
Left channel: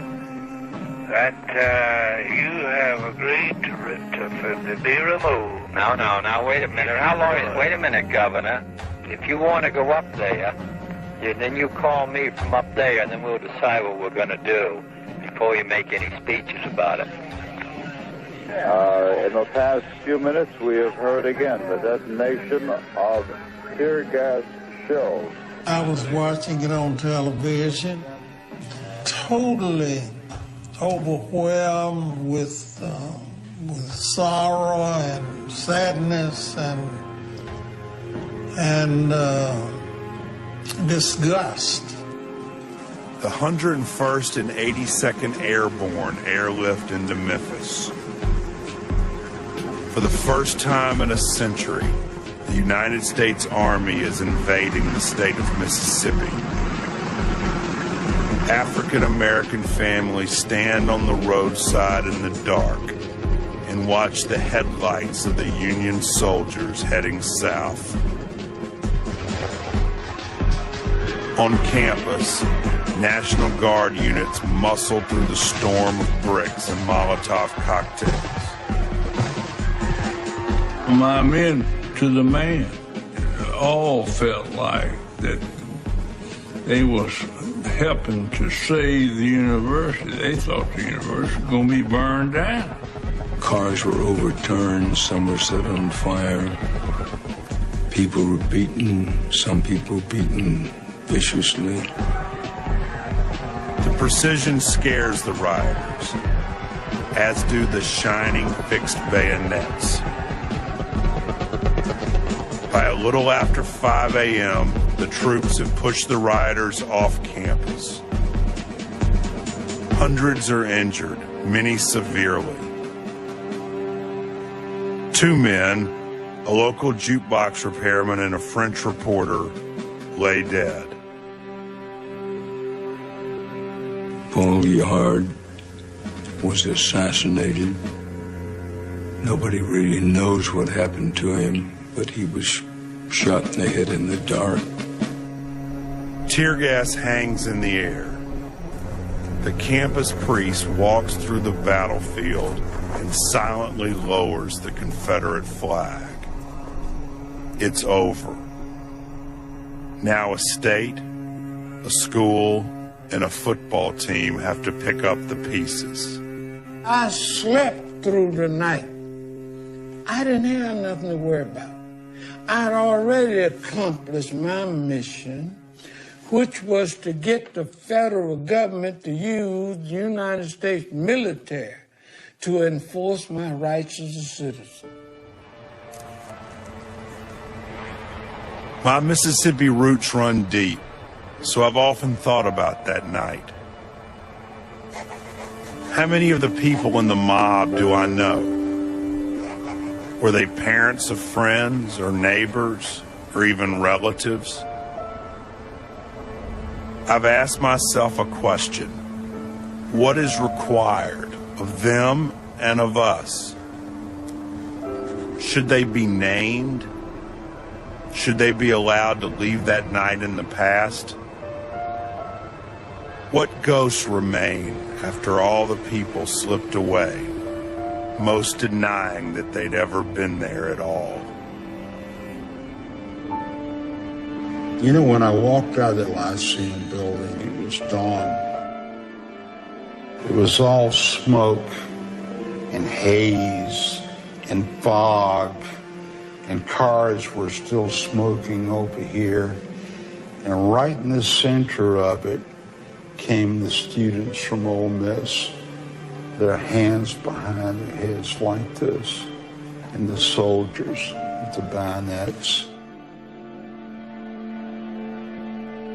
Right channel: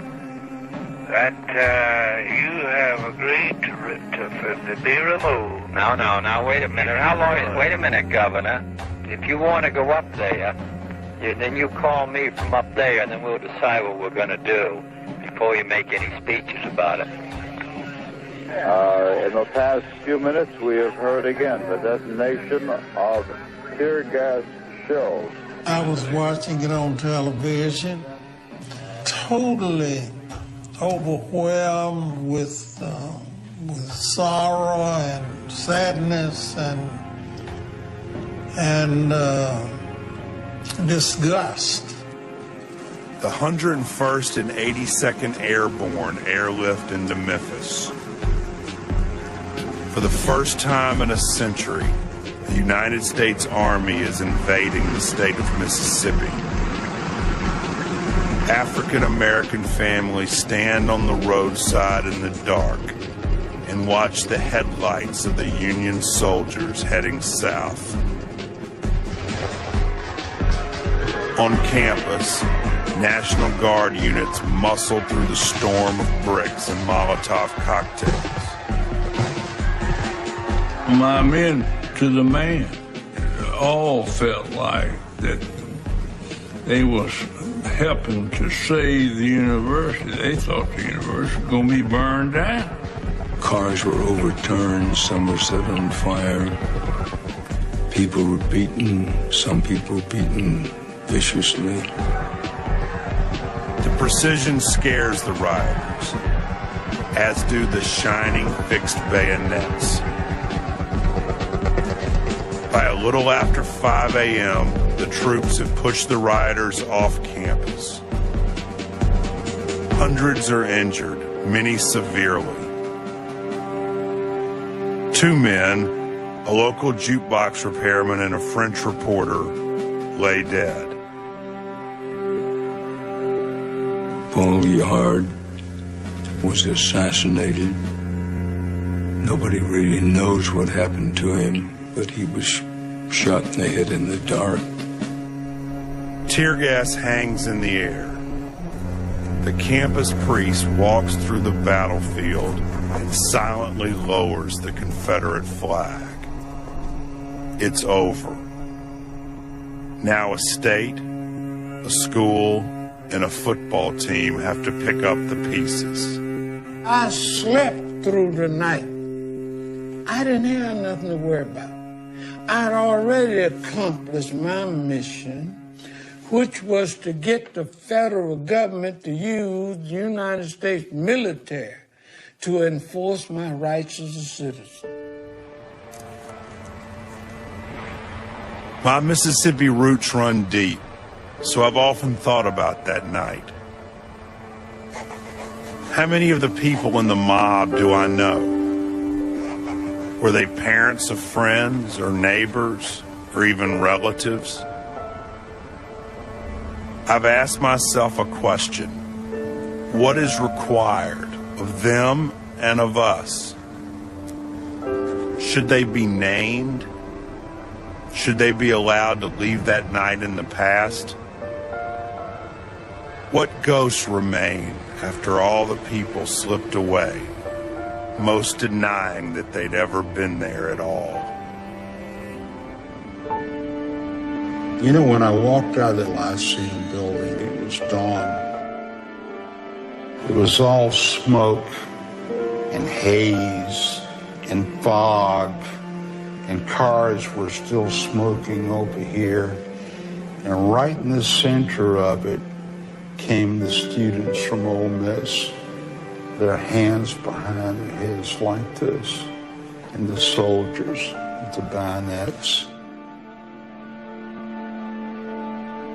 that you have agreed to be removed. No, wait a minute. Wait a minute, Governor. If you want to go up there, then you call me from up there, and then we'll decide what we're going to do before you make any speeches about it. In the past few minutes, we have heard again the detonation of tear gas shells. I was watching it on television, totally overwhelmed with sorrow and sadness and disgust. The 101st and 82nd Airborne airlift into Memphis. For the first time in a century, the United States Army is invading the state of Mississippi. African-American families stand on the roadside in the dark and watch the headlights of the Union soldiers heading south. On campus, National Guard units muscle through the storm of bricks and Molotov cocktails. My men, to the man, all felt like that they was helping to save the university. They thought the university was going to be burned down. Cars were overturned, some were set on fire. People were beaten, some people beaten viciously. The precision scares the rioters, as do the shining fixed bayonets. By a little after 5 a.m., the troops have pushed the rioters off campus. Hundreds are injured, many severely. 2 men, a local jukebox repairman and a French reporter, lay dead. Paul Yard was assassinated. Nobody really knows what happened to him, but he was shot in the head in the dark. Tear gas hangs in the air. The campus priest walks through the battlefield and silently lowers the Confederate flag. It's over. Now a state, a school, and a football team have to pick up the pieces. I slept through the night. I didn't have nothing to worry about. I had already accomplished my mission, which was to get the federal government to use the United States military to enforce my rights as a citizen. My Mississippi roots run deep, so I've often thought about that night. How many of the people in the mob do I know? Were they parents of friends or neighbors or even relatives? I've asked myself a question. What is required of them and of us? Should they be named? Should they be allowed to leave that night in the past? What ghosts remain after all the people slipped away, most denying that they'd ever been there at all? You know, when I walked out of the Lyceum building, it was dawn. It was all smoke and haze and fog, and cars were still smoking over here. And right in the center of it came the students from Ole Miss, their hands behind their heads like this, and the soldiers with the bayonets.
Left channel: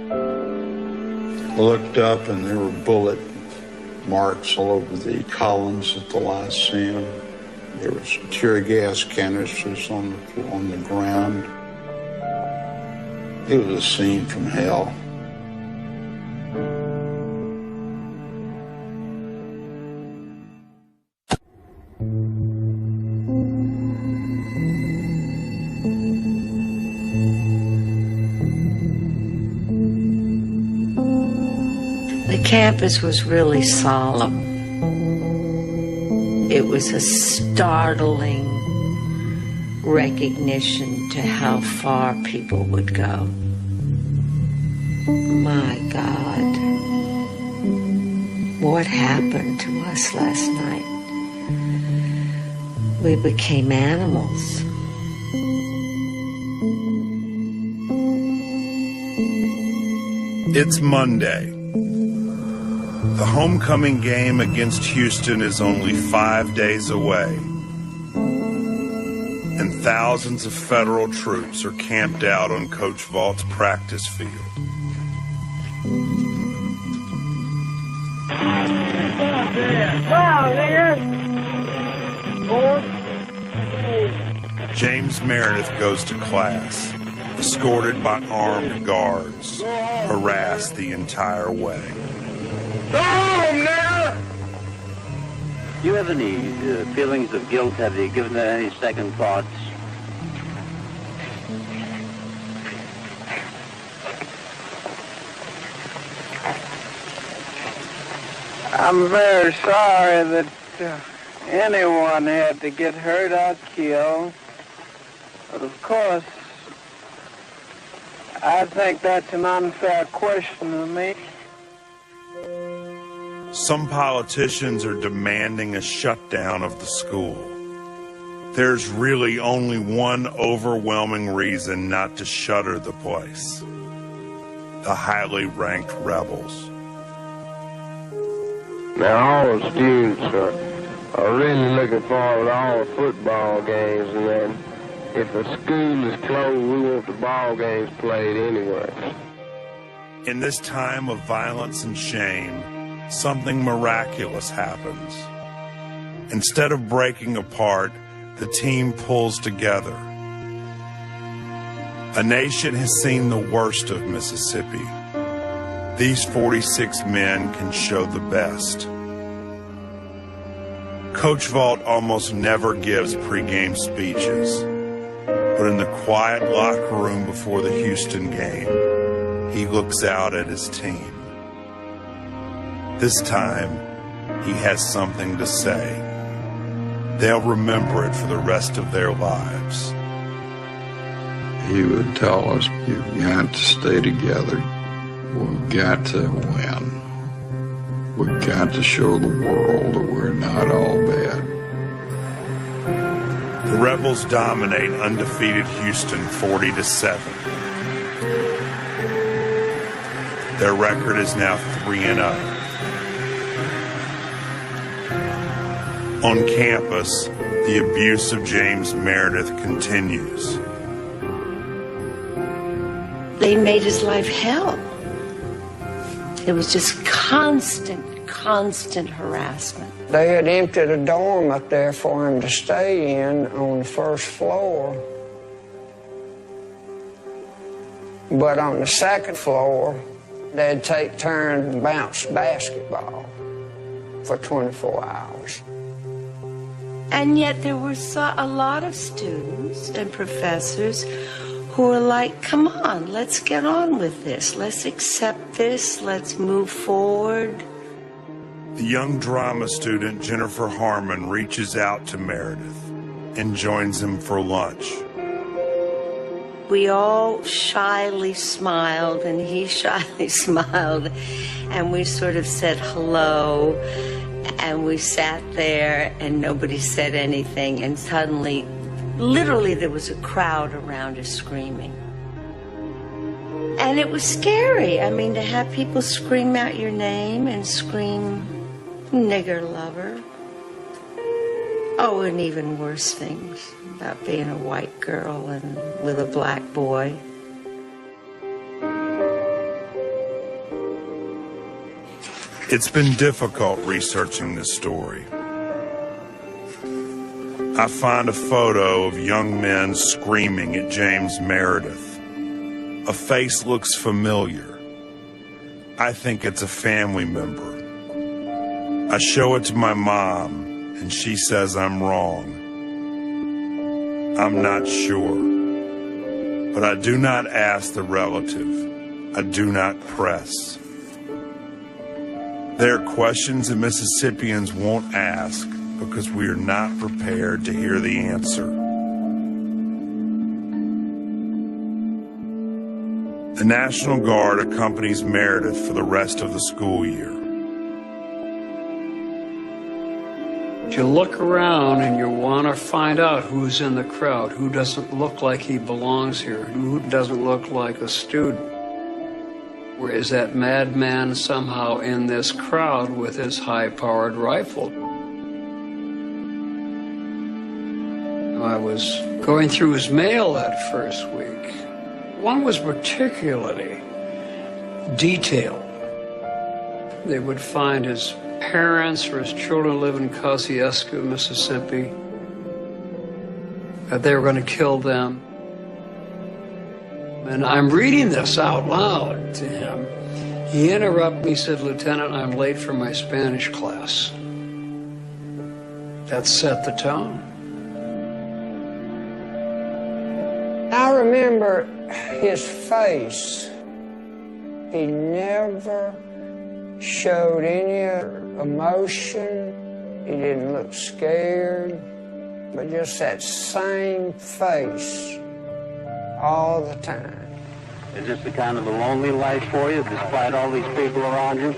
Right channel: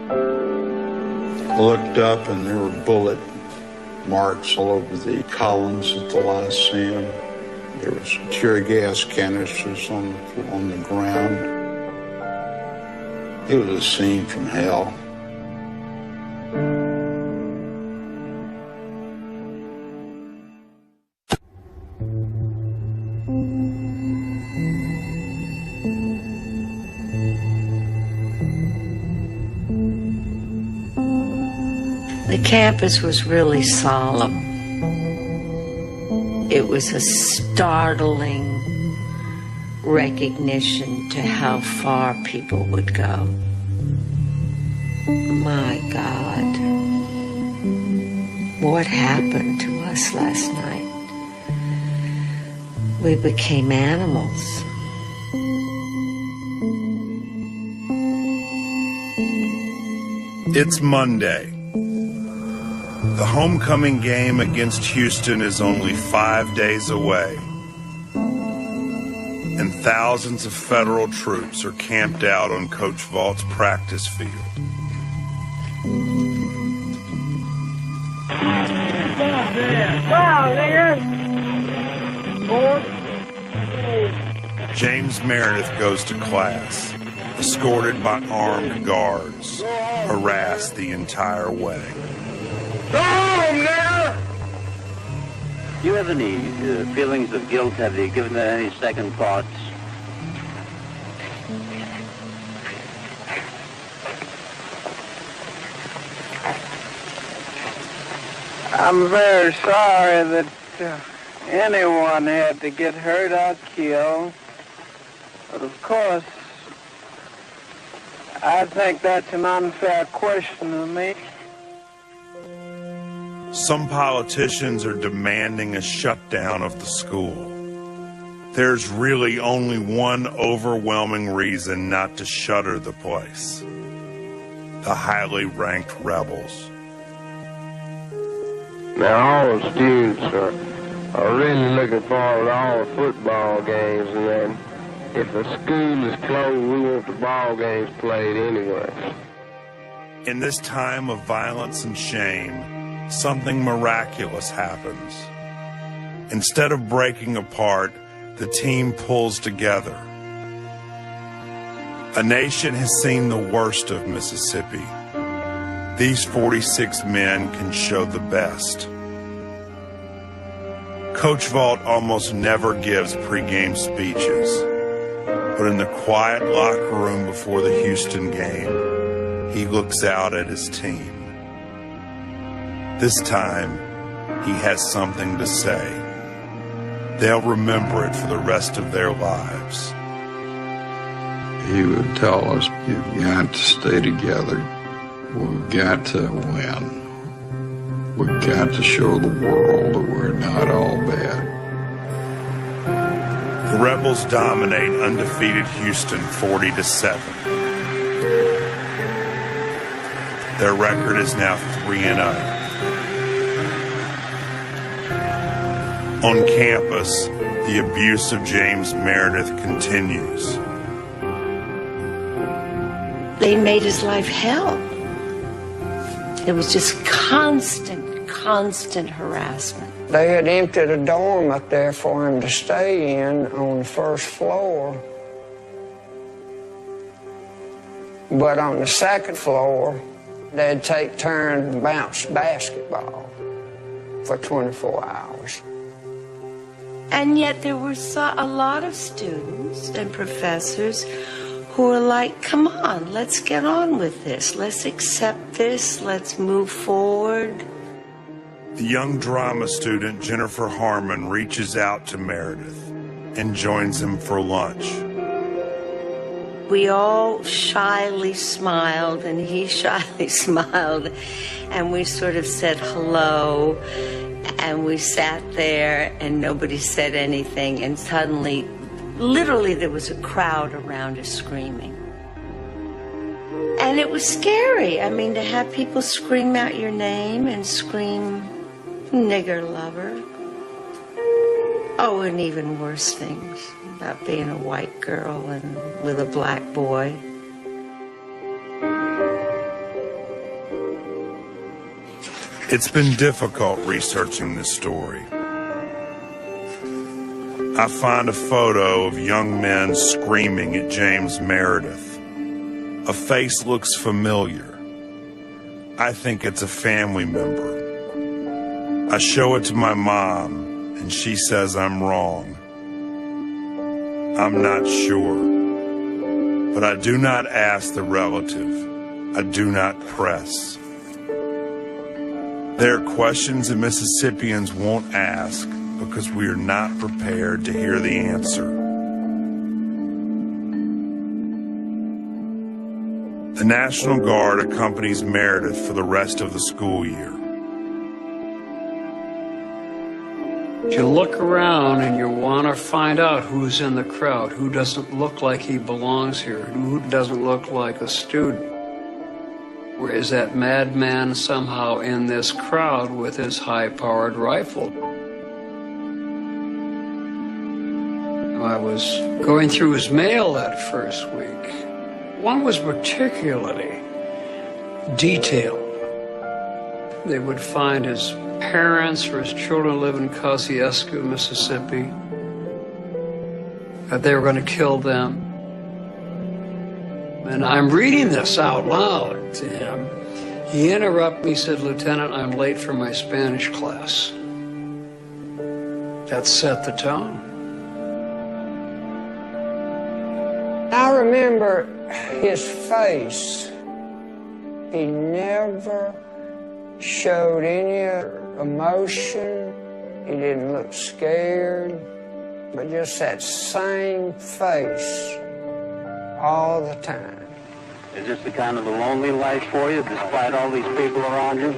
I looked up and there were bullet marks all over the columns at the Lyceum. There was tear gas canisters on the ground. It was a scene from hell. The campus was really solemn. It was a startling recognition to how far people would go. My God, what happened to us last night? We became animals. It's Monday. The homecoming game against Houston is only 5 days away, and thousands of federal troops are camped out on Coach Vaught's practice field. James Meredith goes to class, escorted by armed guards, harassed the entire way. Do you have any feelings of guilt? Have you given that any second thoughts? I'm very sorry that anyone had to get hurt or killed. But of course, I think that's an unfair question to me. Some politicians are demanding a shutdown of the school. There's really only one overwhelming reason not to shutter the place: the highly ranked rebels. Now, all the students are really looking forward to all the football games, and then if the school is closed, we want the ball games played anyway. In this time of violence and shame, something miraculous happens. Instead of breaking apart, the team pulls together. The nation has seen the worst of Mississippi. These 46 men can show the best. Coach Vaught almost never gives pregame speeches, but in the quiet locker room before the Houston game, he looks out at his team. This time, he has something to say. They'll remember it for the rest of their lives. He would tell us, "You've got to stay together. We've got to win. We've got to show the world that we're not all bad." The Rebels dominate undefeated Houston 40-7. Their record is now 3-0. On campus, the abuse of James Meredith continues. They made his life hell. It was just constant harassment. They had emptied a dorm up there for him to stay in on the first floor. But on the second floor, they'd take turns and bounce basketball for 24 hours. And yet there were a lot of students and professors who were like, come on, let's get on with this. Let's accept this. Let's move forward. The young drama student Jennifer Harmon reaches out to Meredith and joins him for lunch. We all shyly smiled, and he shyly smiled, and we sort of said hello, and we sat there, and nobody said anything, and suddenly, literally, there was a crowd around us screaming. And it was scary. I mean, to have people scream out your name and scream, "Nigger lover." Oh, and even worse things about being a white girl and with a black boy. It's been difficult researching this story. I find a photo of young men screaming at James Meredith. A face looks familiar. I think it's a family member. I show it to my mom, and she says I'm wrong. I'm not sure. But I do not ask the relative. I do not press. There are questions that Mississippians won't ask because we are not prepared to hear the answer. The National Guard accompanies Meredith for the rest of the school year. You look around and you want to find out who's in the crowd, who doesn't look like he belongs here, who doesn't look like a student. Where is that madman somehow in this crowd with his high-powered rifle? I was going through his mail that first week. One was particularly detailed. They would find his parents or his children live in Kosciuszko, Mississippi. that they were going to kill them. And I'm reading this out loud to him. He interrupted me, said, "Lieutenant, I'm late for my Spanish class." That set the tone. I remember his face. He never showed any emotion. He didn't look scared, but just that same face all the time. Is this a kind of a lonely life for you, despite all these people around you?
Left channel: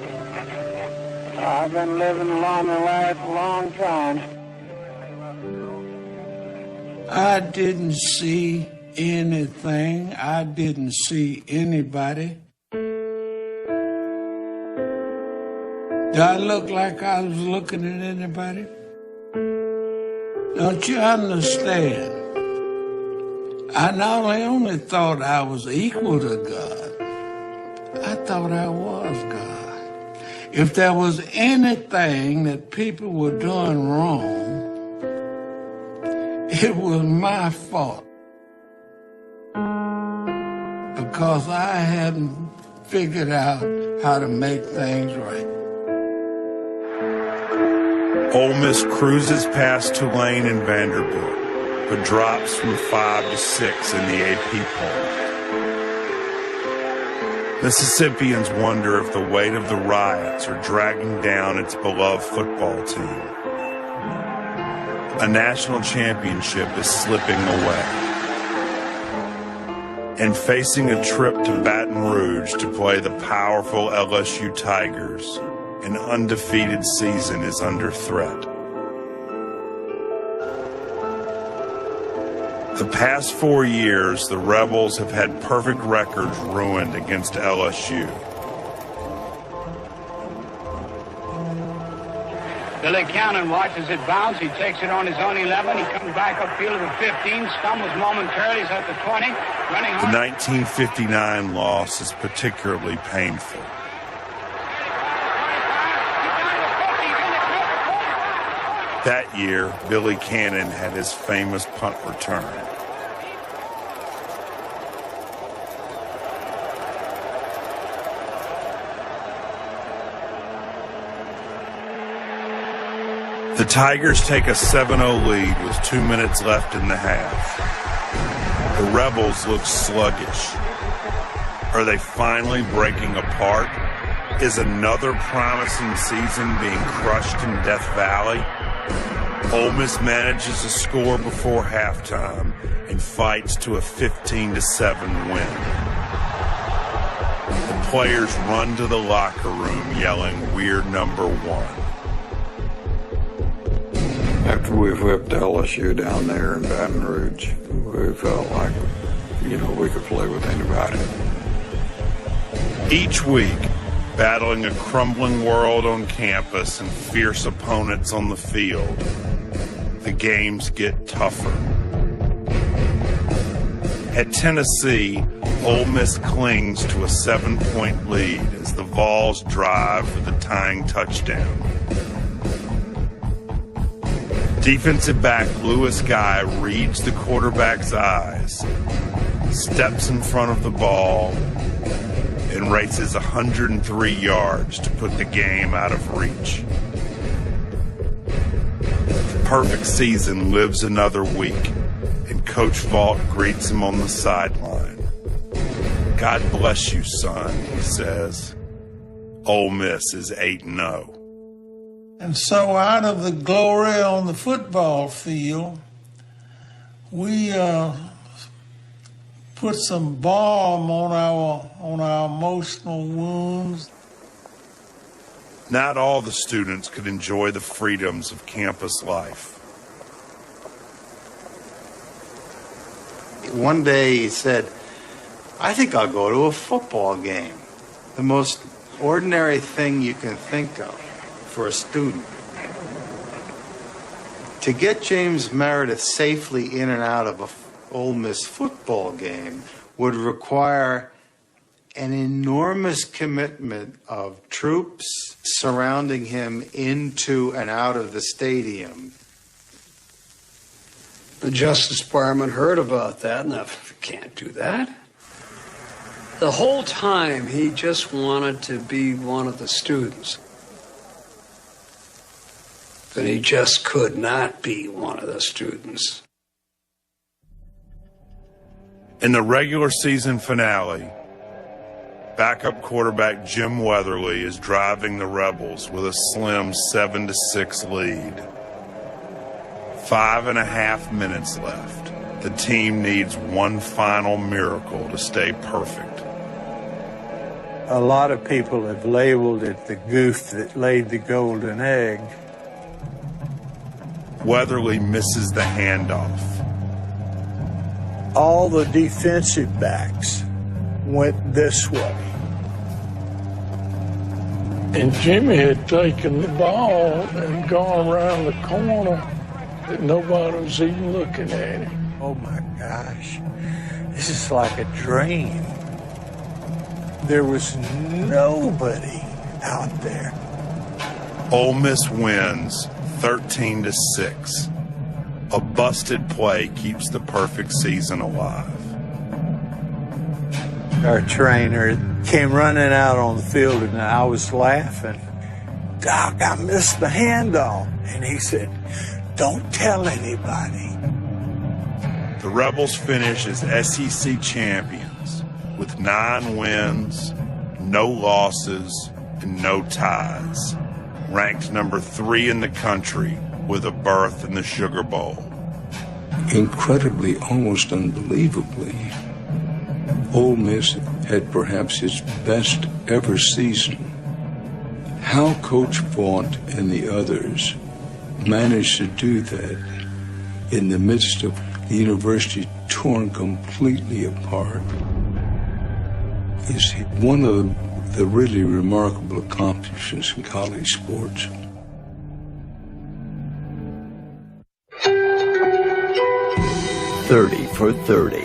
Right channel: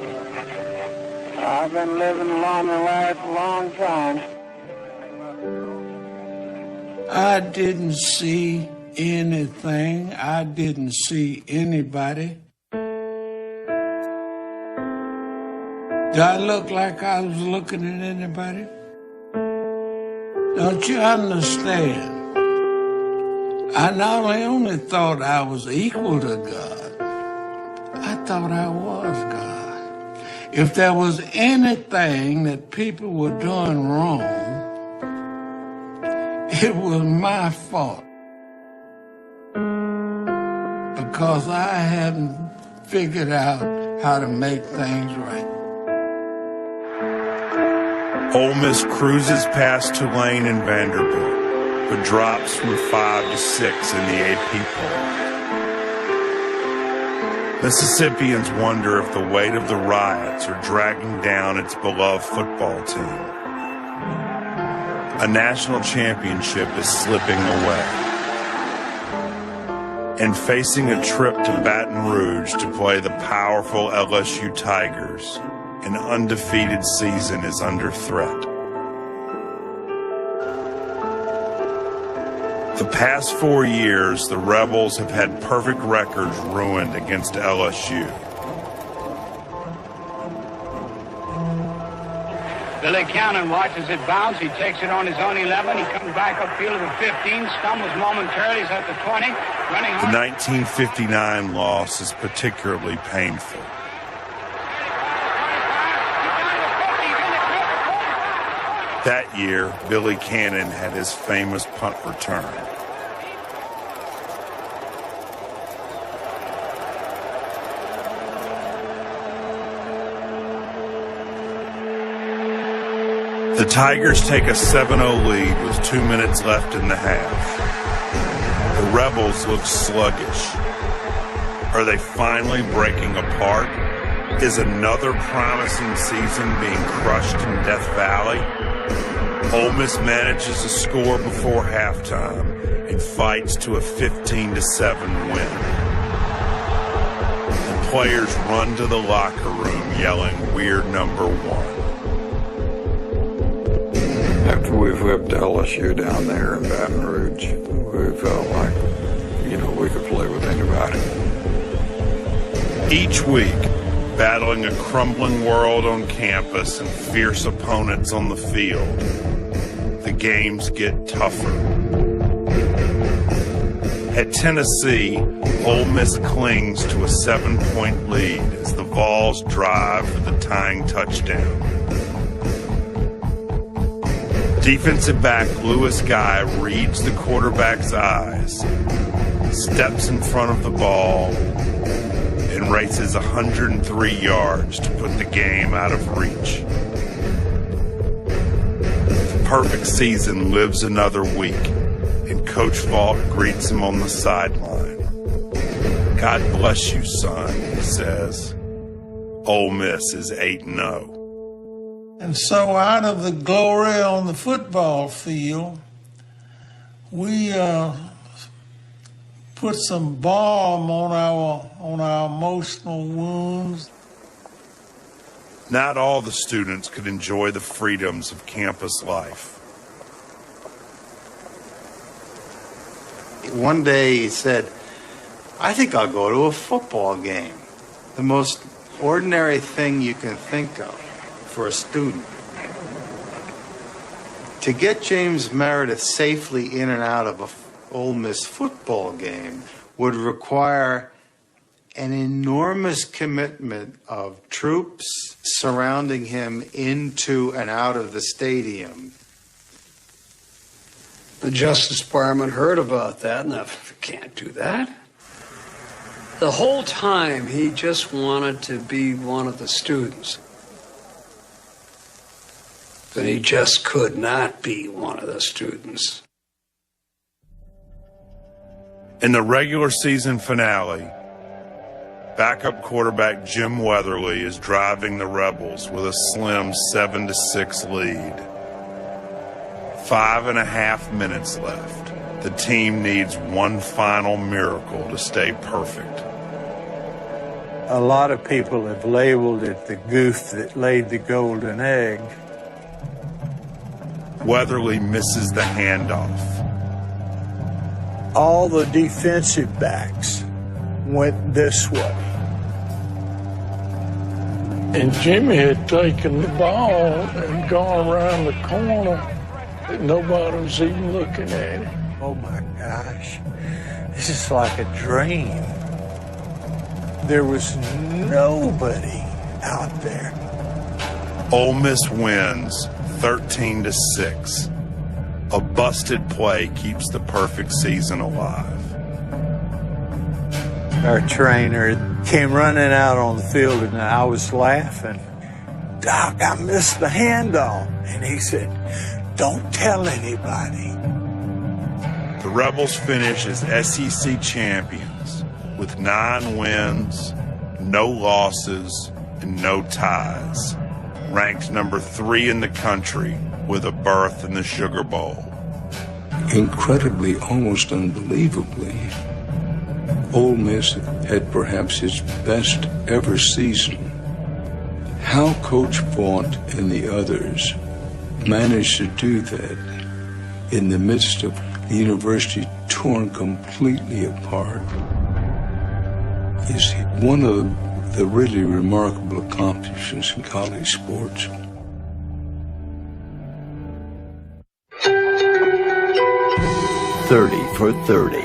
I've been living a lonely life a long time. I didn't see anything. I didn't see anybody. Did I look like I was looking at anybody? Don't you understand? I not only thought I was equal to God, I thought I was God. If there was anything that people were doing wrong, it was my fault. Because I hadn't figured out how to make things right. Ole Miss cruises past Tulane and Vanderbilt, or drops from 5 to 6 in the AP poll. Mississippians wonder if the weight of the riots are dragging down its beloved football team. A national championship is slipping away. And facing a trip to Baton Rouge to play the powerful LSU Tigers, an undefeated season is under threat. The past 4 years, the Rebels have had perfect records ruined against LSU. Billy Cannon watches it bounce. He takes it on his own 11. He comes back upfield to the 15. Stumbles momentarily. He's at the 20. Running hard. The 1959 loss is particularly painful. That year, Billy Cannon had his famous punt return. The Tigers take a 7-0 lead with 2 minutes left in the half. The Rebels look sluggish. Are they finally breaking apart? Is another promising season being crushed in Death Valley? Ole Miss manages to score before halftime and fights to a 15-7 win. The players run to the locker room yelling, "We're number one." After we whipped LSU down there in Baton Rouge, we felt like, we could play with anybody. Each week, battling a crumbling world on campus and fierce opponents on the field, the games get tougher. At Tennessee, Ole Miss clings to a 7-point lead as the Vols drive for the tying touchdown. Defensive back Lewis Guy reads the quarterback's eyes, steps in front of the ball, and races 103 yards to put the game out of reach. The perfect season lives another week, and Coach Vaught greets him on the sideline. "God bless you, son," he says. Ole Miss is 8-0. And so out of the glory on the football field, we put some balm on our emotional wounds. Not all the students could enjoy the freedoms of campus life. One day he said, "I think I'll go to a football game." The most ordinary thing you can think of for a student. To get James Meredith safely in and out of a Ole Miss football game would require an enormous commitment of troops surrounding him into and out of the stadium. The Justice Department heard about that and they can't do that. The whole time he just wanted to be one of the students. But he just could not be one of the students. In the regular season finale, backup quarterback Jim Weatherly is driving the Rebels with a slim 7-6 lead. 5.5 minutes left. The team needs one final miracle to stay perfect. A lot of people have labeled it the goof that laid the golden egg. Weatherly misses the handoff. All the defensive backs went this way. And Jimmy had taken the ball and gone around the corner, and nobody was even looking at him. Oh my gosh, this is like a dream. There was nobody out there. Ole Miss wins 13-6. A busted play keeps the perfect season alive. Our trainer came running out on the field and I was laughing. Doc, I missed the handoff. And he said, don't tell anybody. The Rebels finish as SEC champions with 9 wins, no losses, and no ties. Ranked number 3 in the country with a berth in the Sugar Bowl. Incredibly, almost unbelievably, Ole Miss had perhaps his best ever season. How Coach Font and the others managed to do that in the midst of the university torn completely apart is one of the really remarkable accomplishments in college sports. "30 for 30",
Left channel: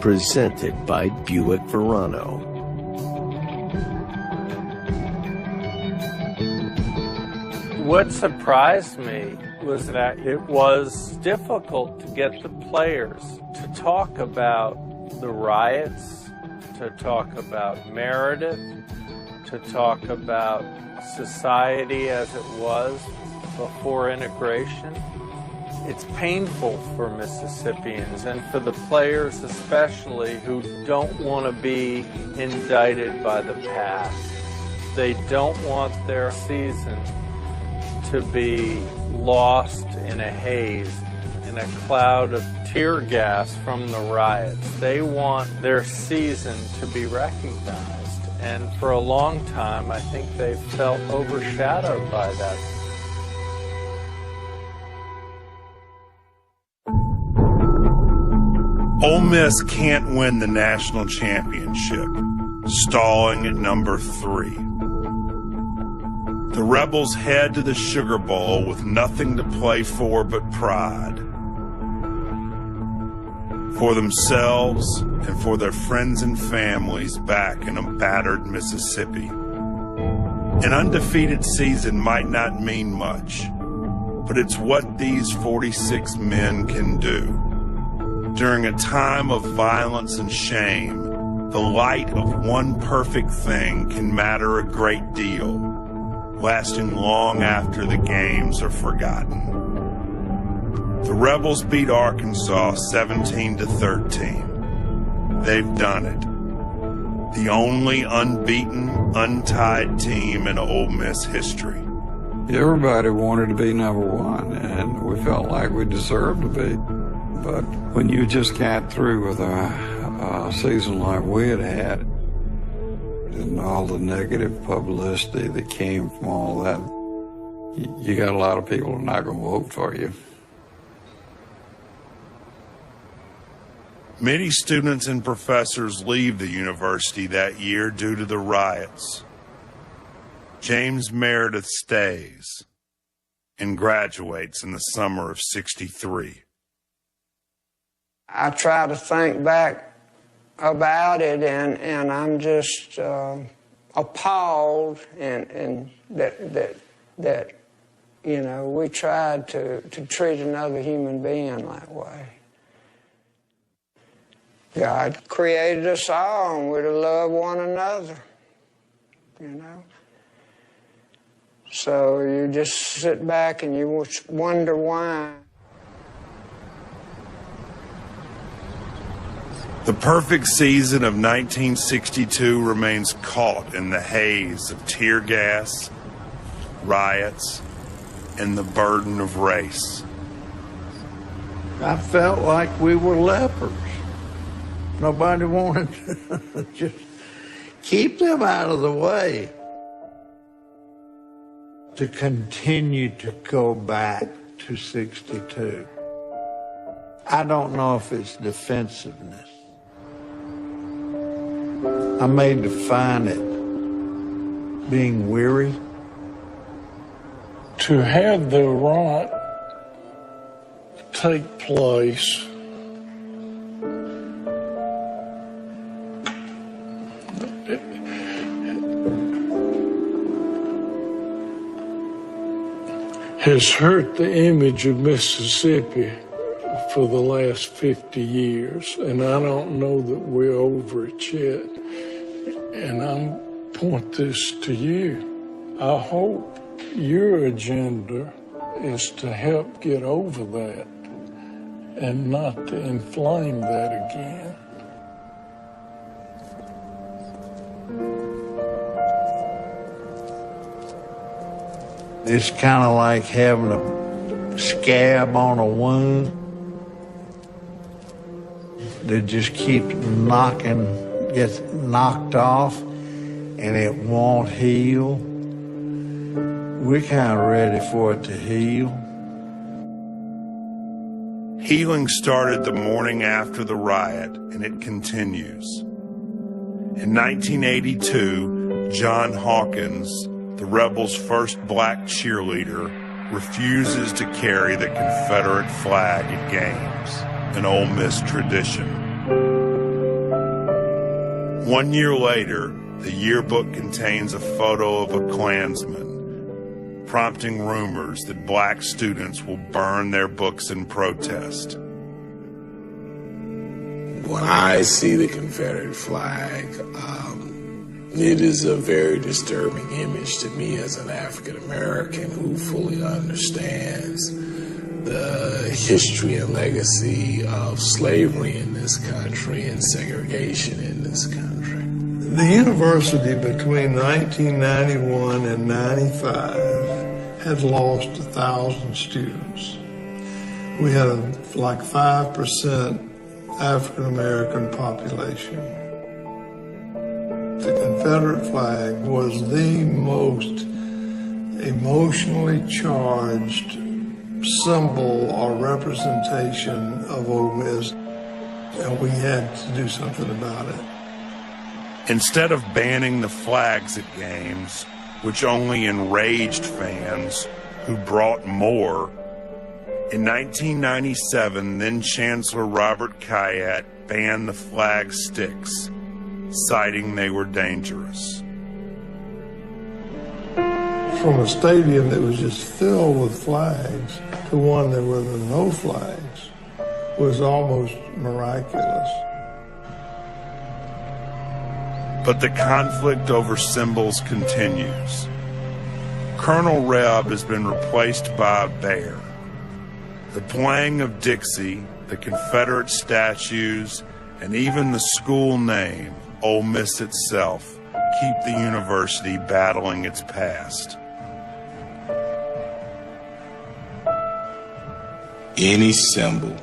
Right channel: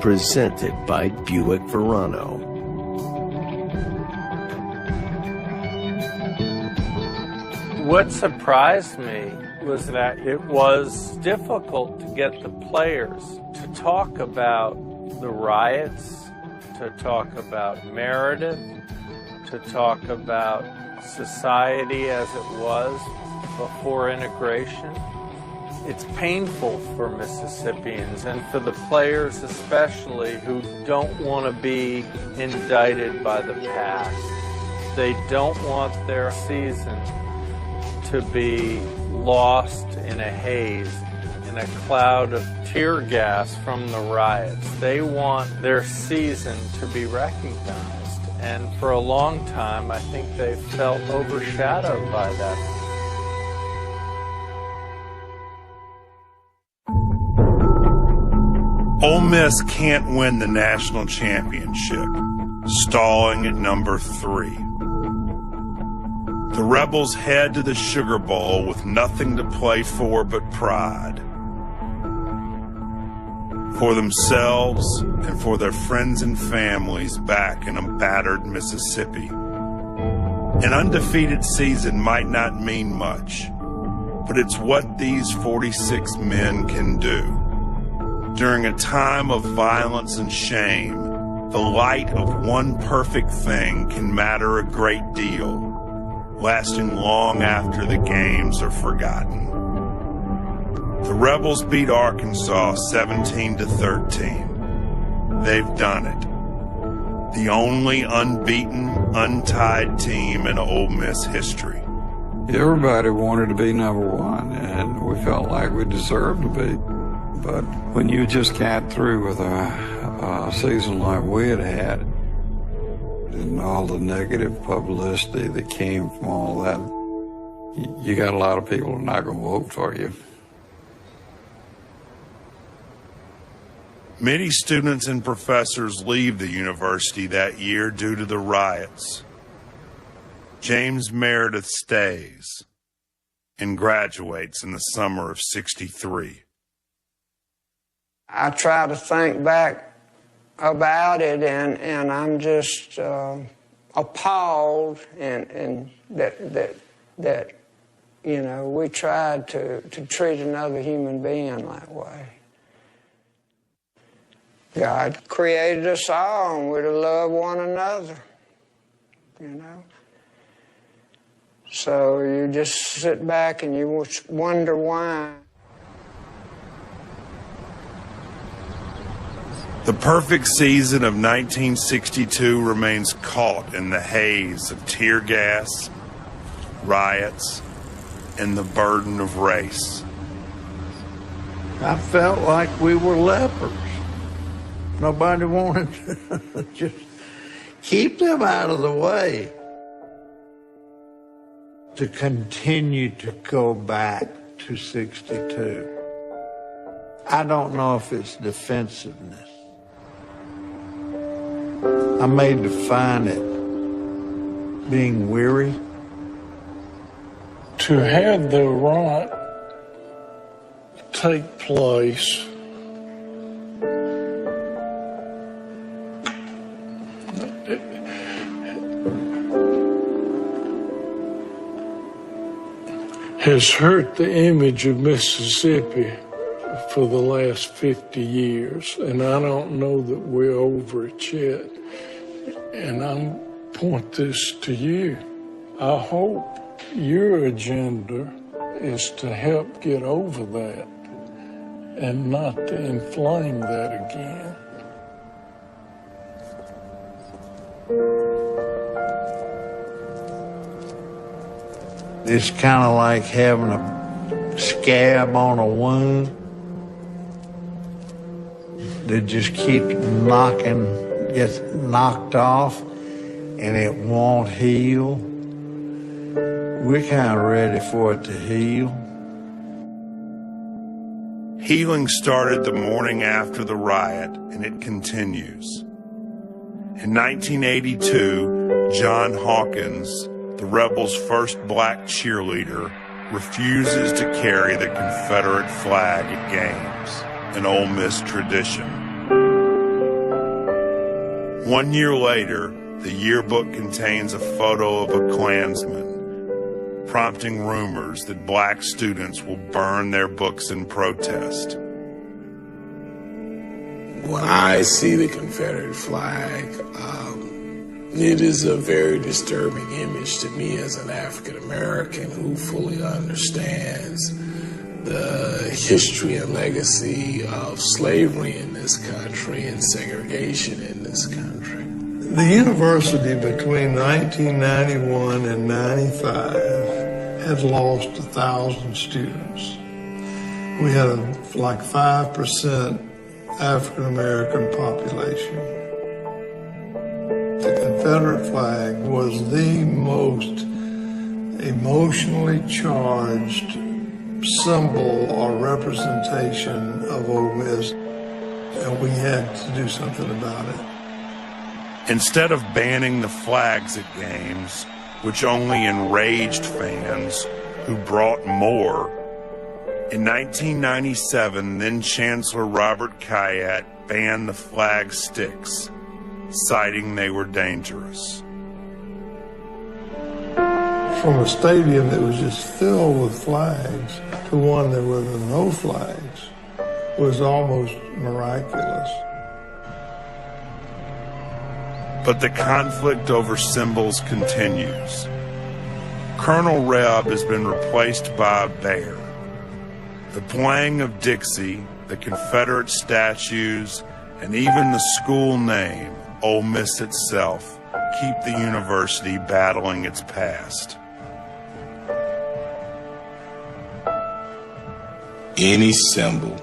presented by Buick Verano. What surprised me was that it was difficult to get the players to talk about the riots, to talk about Meredith, to talk about society as it was before integration. It's painful for Mississippians and for the players especially who don't want to be indicted by the past. They don't want their season to be lost in a haze, in a cloud of tear gas from the riots. They want their season to be recognized. And for a long time, I think they felt overshadowed by that. Ole Miss can't win the national championship, stalling at number 3. The Rebels head to the Sugar Bowl with nothing to play for but pride. For themselves and for their friends and families back in a battered Mississippi. An undefeated season might not mean much, but it's what these 46 men can do. During a time of violence and shame, the light of one perfect thing can matter a great deal, lasting long after the games are forgotten. The Rebels beat Arkansas 17-13. They've done it. The only unbeaten, untied team in Ole Miss history. Everybody wanted to be number 1, and we felt like we deserved to be. But when you just got through with a season like we had, and all the negative publicity that came from all that, you got a lot of people who are not going to vote for you. Many students and professors leave the university that year due to the riots. James Meredith stays and graduates in the summer of '63. I try to think back about it, and I'm just appalled, and that you know, we tried to treat another human being that way. God created us all, and we're to love one another, you know. So you just sit back and you wonder why. The perfect season of 1962 remains caught in the haze of tear gas, riots, and the burden of race. I felt like we were lepers. Nobody wanted to just keep them out of the way. To continue to go back to 62. I don't know if it's defensiveness. I may define it being weary. To have the riot take place has hurt the image of Mississippi for the last 50 years, and I don't know that we're over it yet. And I point this to you. I hope your agenda is to help get over that and not to inflame that again. It's kind of like having a scab on a wound that just keeps gets knocked off, and it won't heal. We're kind of ready for it to heal. Healing started the morning after the riot, and it continues. In 1982, John Hawkins, the rebels' first black cheerleader, refuses to carry the Confederate flag at games, an Ole Miss tradition. 1 year later, the yearbook contains a photo of a Klansman, prompting rumors that black students will burn their books in protest. When I see the Confederate flag, it is a very disturbing image to me as an African American who fully understands the history and legacy of slavery in this country and segregation in this country. The university between 1991 and 95 had lost 1,000 students. We had like 5% African American population. The Confederate flag was the most emotionally charged symbol or representation of Ole Miss, and we had to do something about it. Instead of banning the flags at games, which only enraged fans who brought more, in 1997, then Chancellor Robert Kayat banned the flag sticks, citing they were dangerous. From a stadium that was just filled with flags to one that were no flags was almost miraculous. But the conflict over symbols continues. Colonel Reb has been replaced by a bear. The playing of Dixie, the Confederate statues, and even the school name, Ole Miss itself, keep the university battling its past. Any symbol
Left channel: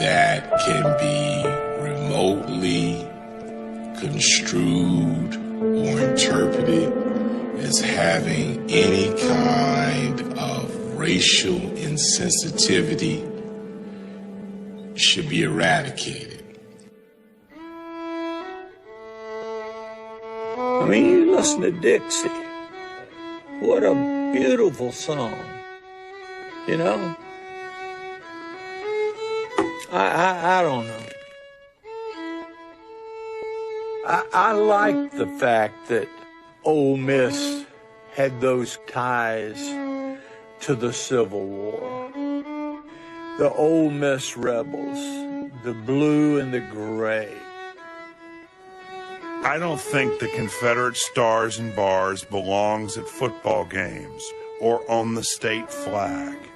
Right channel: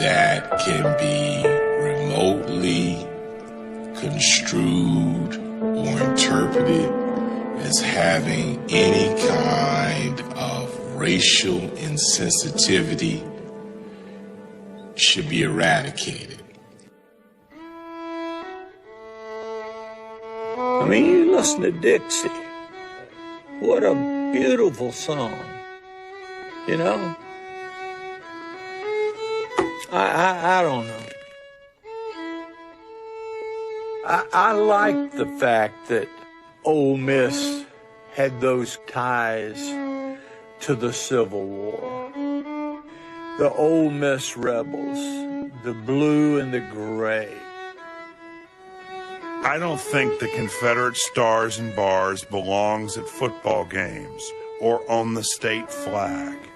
that can be remotely construed or interpreted as having any kind of racial insensitivity should be eradicated. I mean, you listen to Dixie. What a beautiful song. You know? I don't know. I like the fact that Ole Miss had those ties to the Civil War. The Ole Miss rebels, the blue and the gray. I don't think the Confederate stars and bars belongs at football games or on the state flag.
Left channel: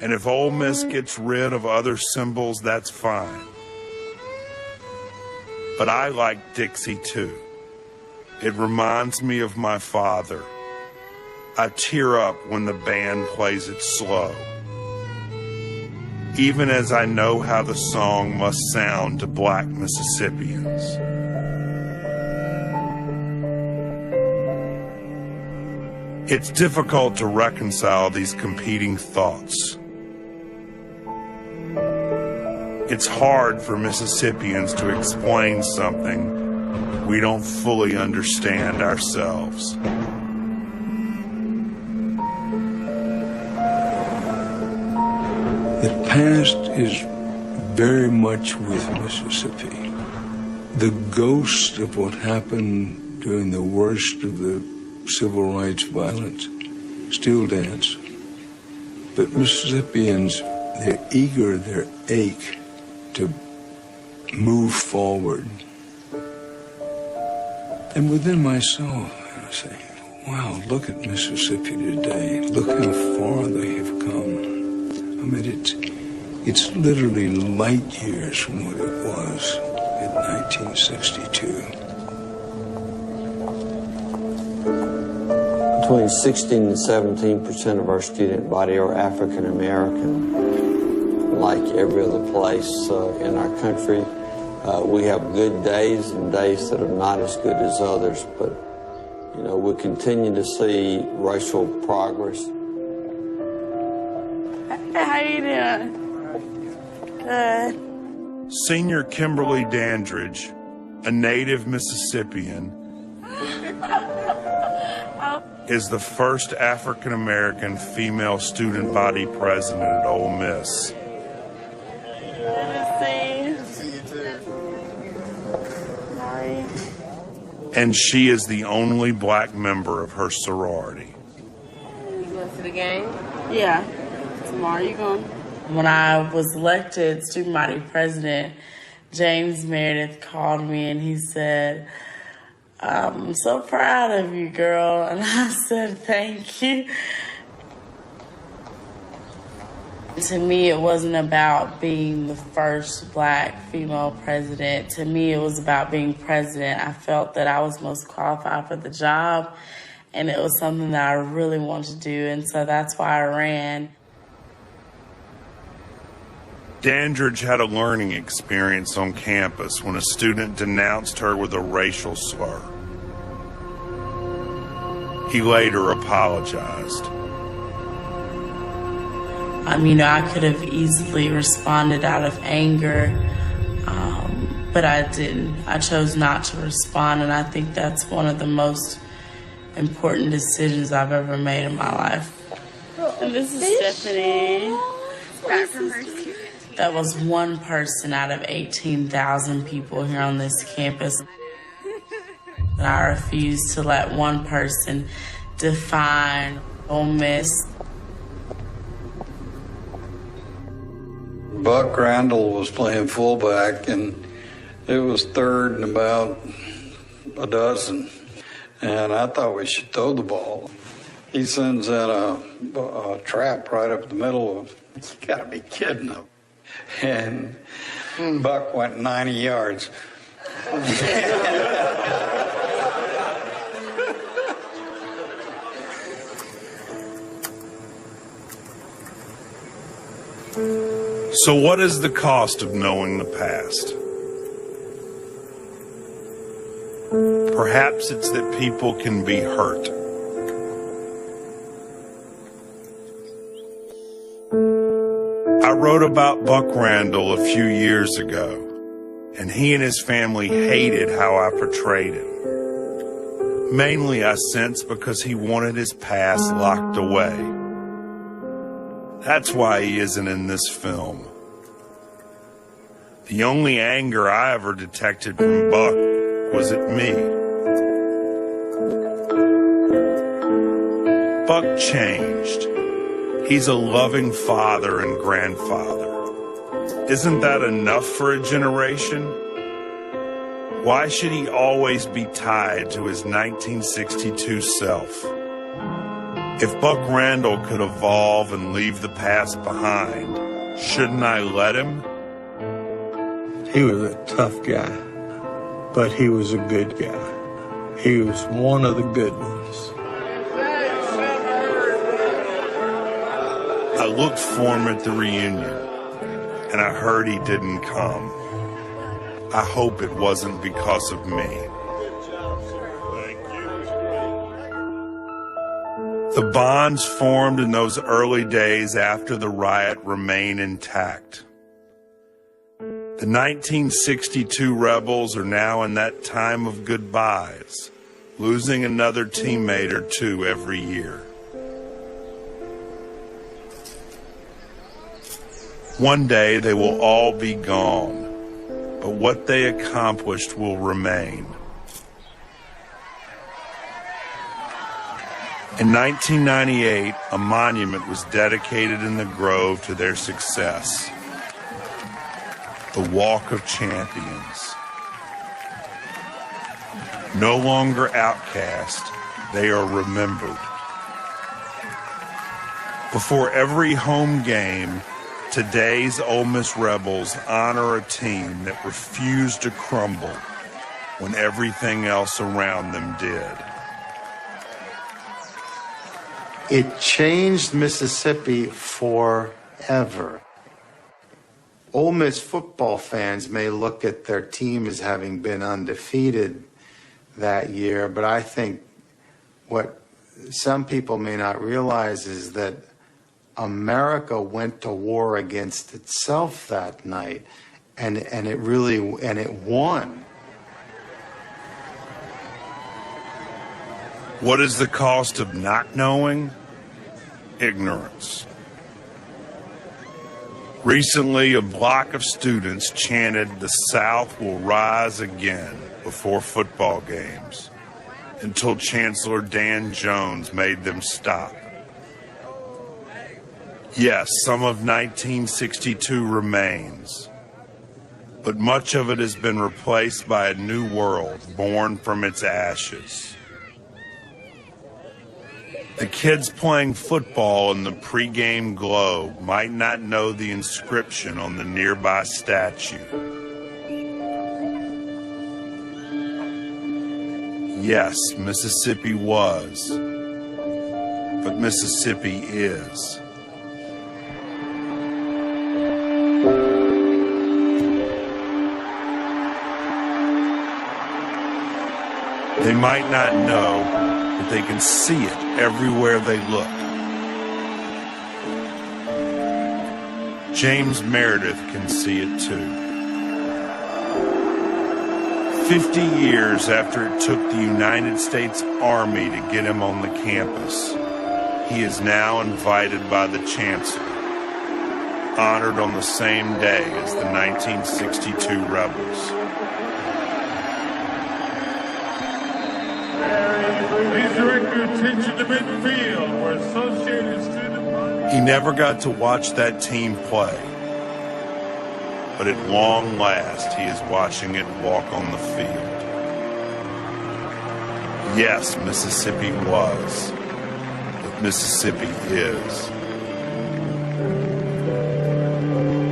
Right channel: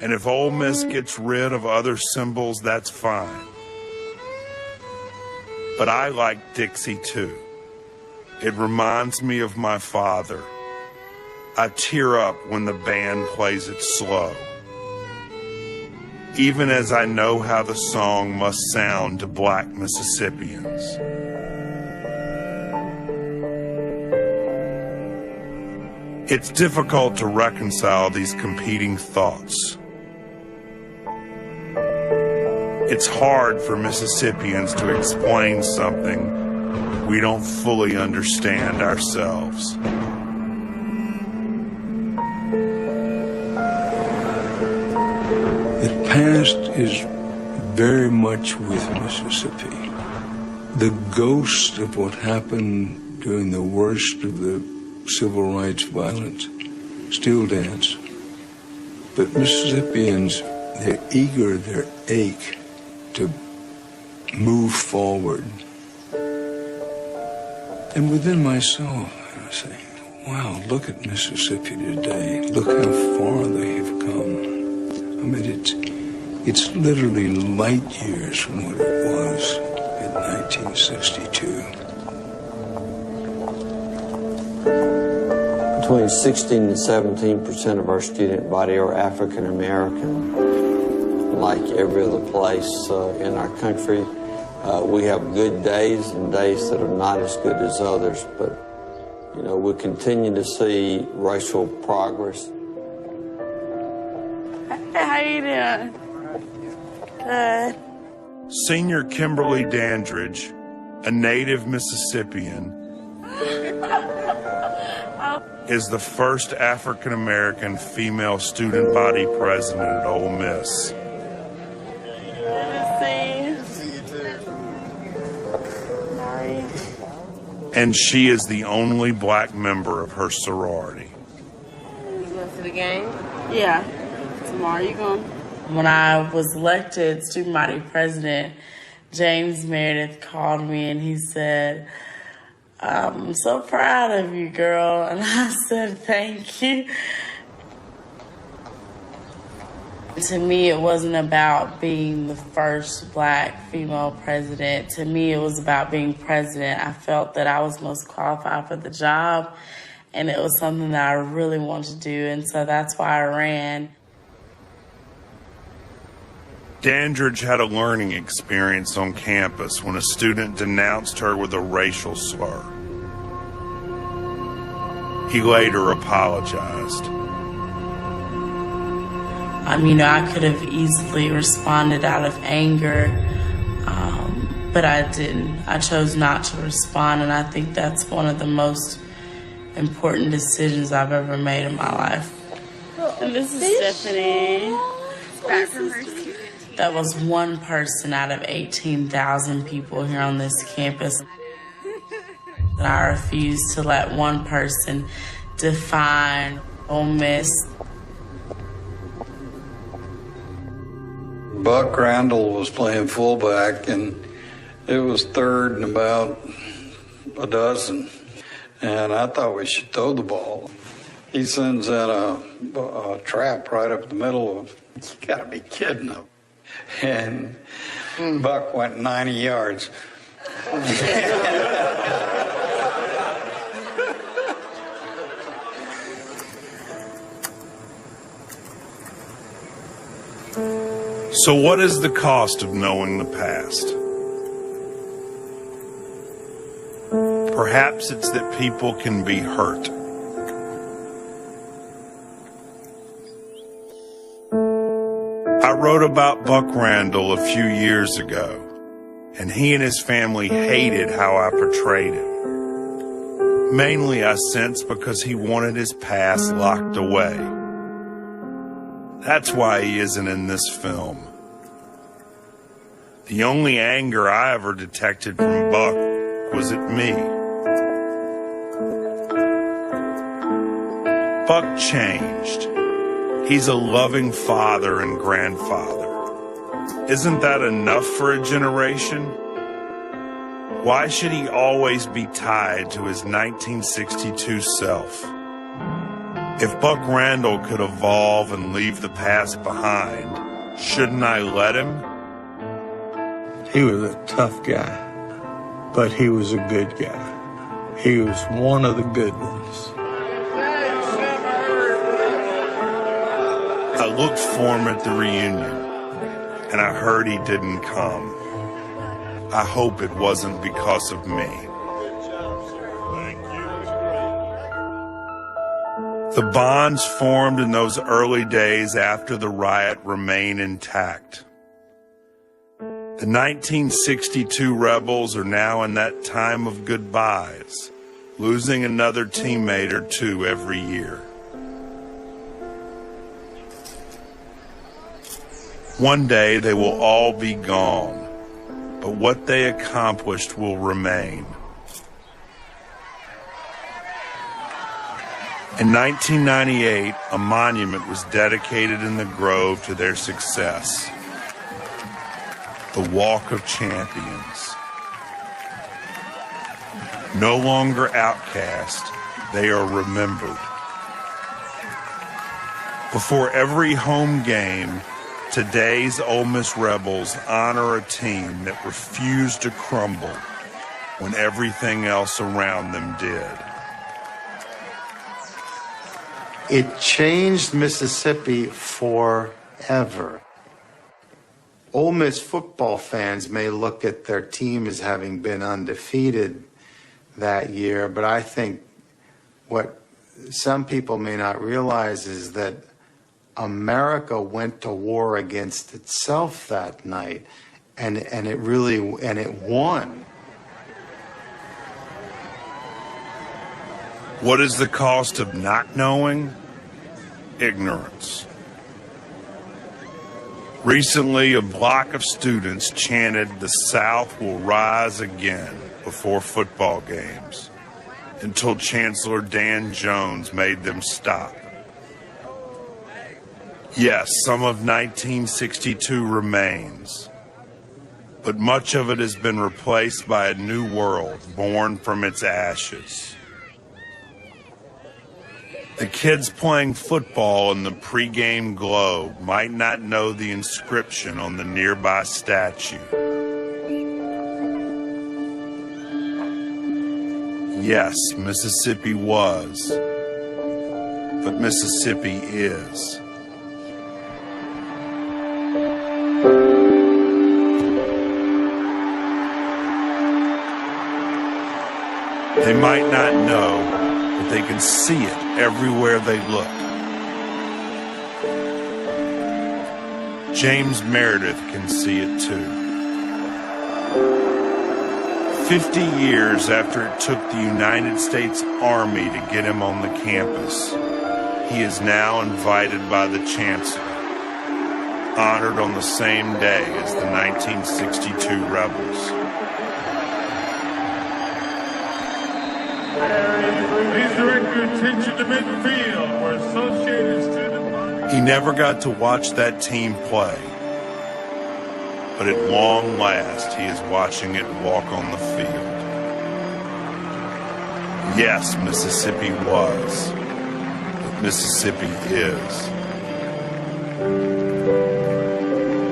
And if Ole Miss gets rid of other symbols, that's fine. But I like Dixie too. It reminds me of my father. I tear up when the band plays it slow, even as I know how the song must sound to black Mississippians. It's difficult to reconcile these competing thoughts. It's hard for Mississippians to explain something we don't fully understand ourselves. The past is very much with Mississippi. The ghost of what happened during the worst of the civil rights violence still dance. But Mississippians, they're eager, they're ache to move forward. And within myself, I say, wow, look at Mississippi today. Look how far they have come. I mean, it's literally light years from what it was in 1962. Between 16 and 17% of our student body are African American. Like every other place in our country, we have good days and days that are not as good as others, but you know, we continue to see racial progress. Hey, how you doing? Senior Kimberly Dandridge, a native Mississippian, is the first African American female student body president at Ole Miss. And she is the only black member of her sorority. You went to the game? Yeah. Tomorrow you going? When I was elected student body president, James Meredith called me and he said, I'm so proud of you, girl. And I said, thank you. To me, it wasn't about being the first black female president. To me, it was about being president. I felt that I was most qualified for the job, and it was something that I really wanted to do, and so that's why I ran. Dandridge had a learning experience on campus when a student denounced her with a racial slur. He later apologized. I could have easily responded out of anger, but I didn't. I chose not to respond, and I think that's one of the most important decisions I've ever made in my life. And this is Stephanie. That was one person out of 18,000 people here on this campus. I refuse to let one person define Ole Miss. Buck Randall was playing fullback, and it was third and about a dozen. And I thought we should throw the ball. He sends out a trap right up the middle of, you gotta be kidding him. And Buck went 90 yards. So what is the cost of knowing the past? Perhaps it's that people can be hurt. I wrote about Buck Randall a few years ago, and he and his family hated how I portrayed him. Mainly, I sense, because he wanted his past locked away. That's why he isn't in this film. The only anger I ever detected from Buck was at me. Buck changed. He's a loving father and grandfather. Isn't that enough for a generation? Why should he always be tied to his 1962 self? If Buck Randall could evolve and leave the past behind, shouldn't I let him? He was a tough guy, but he was a good guy. He was one of the good ones. I looked for him at the reunion, and I heard he didn't come. I hope it wasn't because of me. The bonds formed in those early days after the riot remain intact. The 1962 Rebels are now in that time of goodbyes, losing another teammate or two every year. One day they will all be gone, but what they accomplished will remain. In 1998, a monument was dedicated in the Grove to their success. The Walk of Champions. No longer outcast, they are remembered. Before every home game, today's Ole Miss Rebels honor a team that refused to crumble when everything else around them did. It changed Mississippi forever. Ole Miss football fans may look at their team as having been undefeated that year, but I think what some people may not realize is that America went to war against itself that night, and it won. What is the cost of not knowing? Ignorance. Recently, a block of students chanted, "The South will rise again," before football games, until Chancellor Dan Jones made them stop. Yes, some of 1962 remains, but much of it has been replaced by a new world born from its ashes. The kids playing football in the pregame globe might not know the inscription on the nearby statue. Yes, Mississippi was, but Mississippi is. They might not know, but they can see it everywhere they look. James Meredith can see it too. 50 years after it took the United States Army to get him on the campus, he is now invited by the Chancellor, honored on the same day as the 1962 Rebels. He never got to watch that team play, but at long last he is watching it walk on the field. Yes, Mississippi was, but Mississippi is.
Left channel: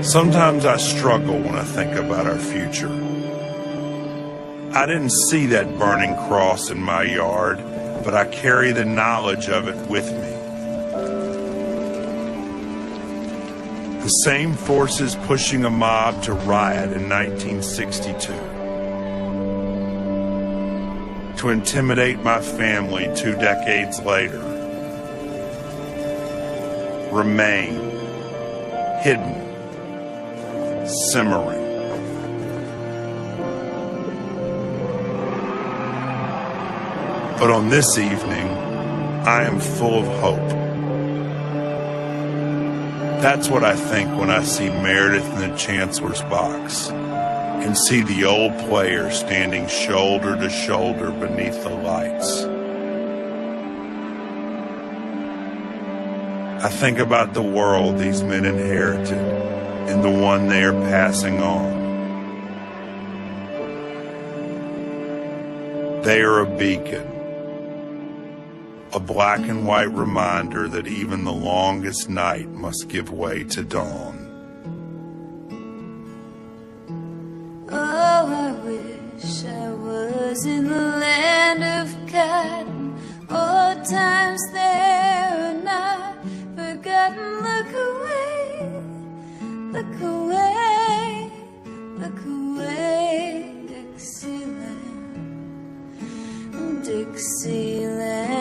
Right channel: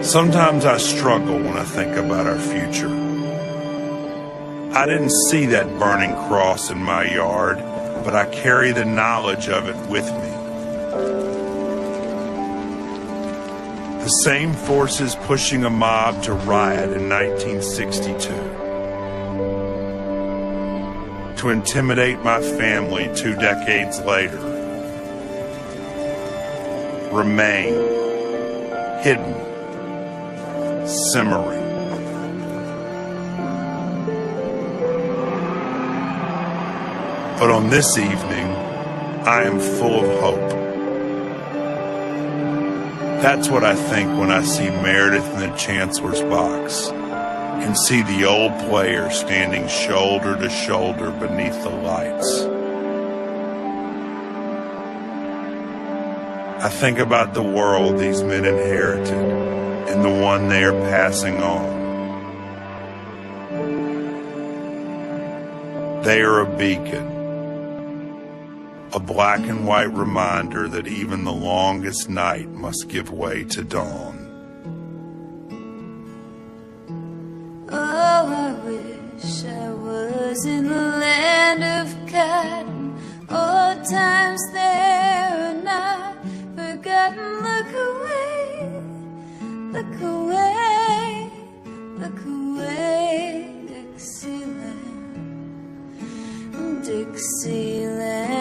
Sometimes I struggle when I think about our future. I didn't see that burning cross in my yard, but I carry the knowledge of it with me. The same forces pushing a mob to riot in 1962, to intimidate my family 2 decades later, remain hidden, simmering. But on this evening, I am full of hope. That's what I think when I see Meredith in the Chancellor's box and see the old player standing shoulder to shoulder beneath the lights. I think about the world these men inherited and the one they are passing on. They are a beacon, a black and white reminder that even the longest night must give way to dawn. Oh, I wish I was in the land of God. Old times there are not forgotten. Look away, look away, look away, Dixieland, Dixieland.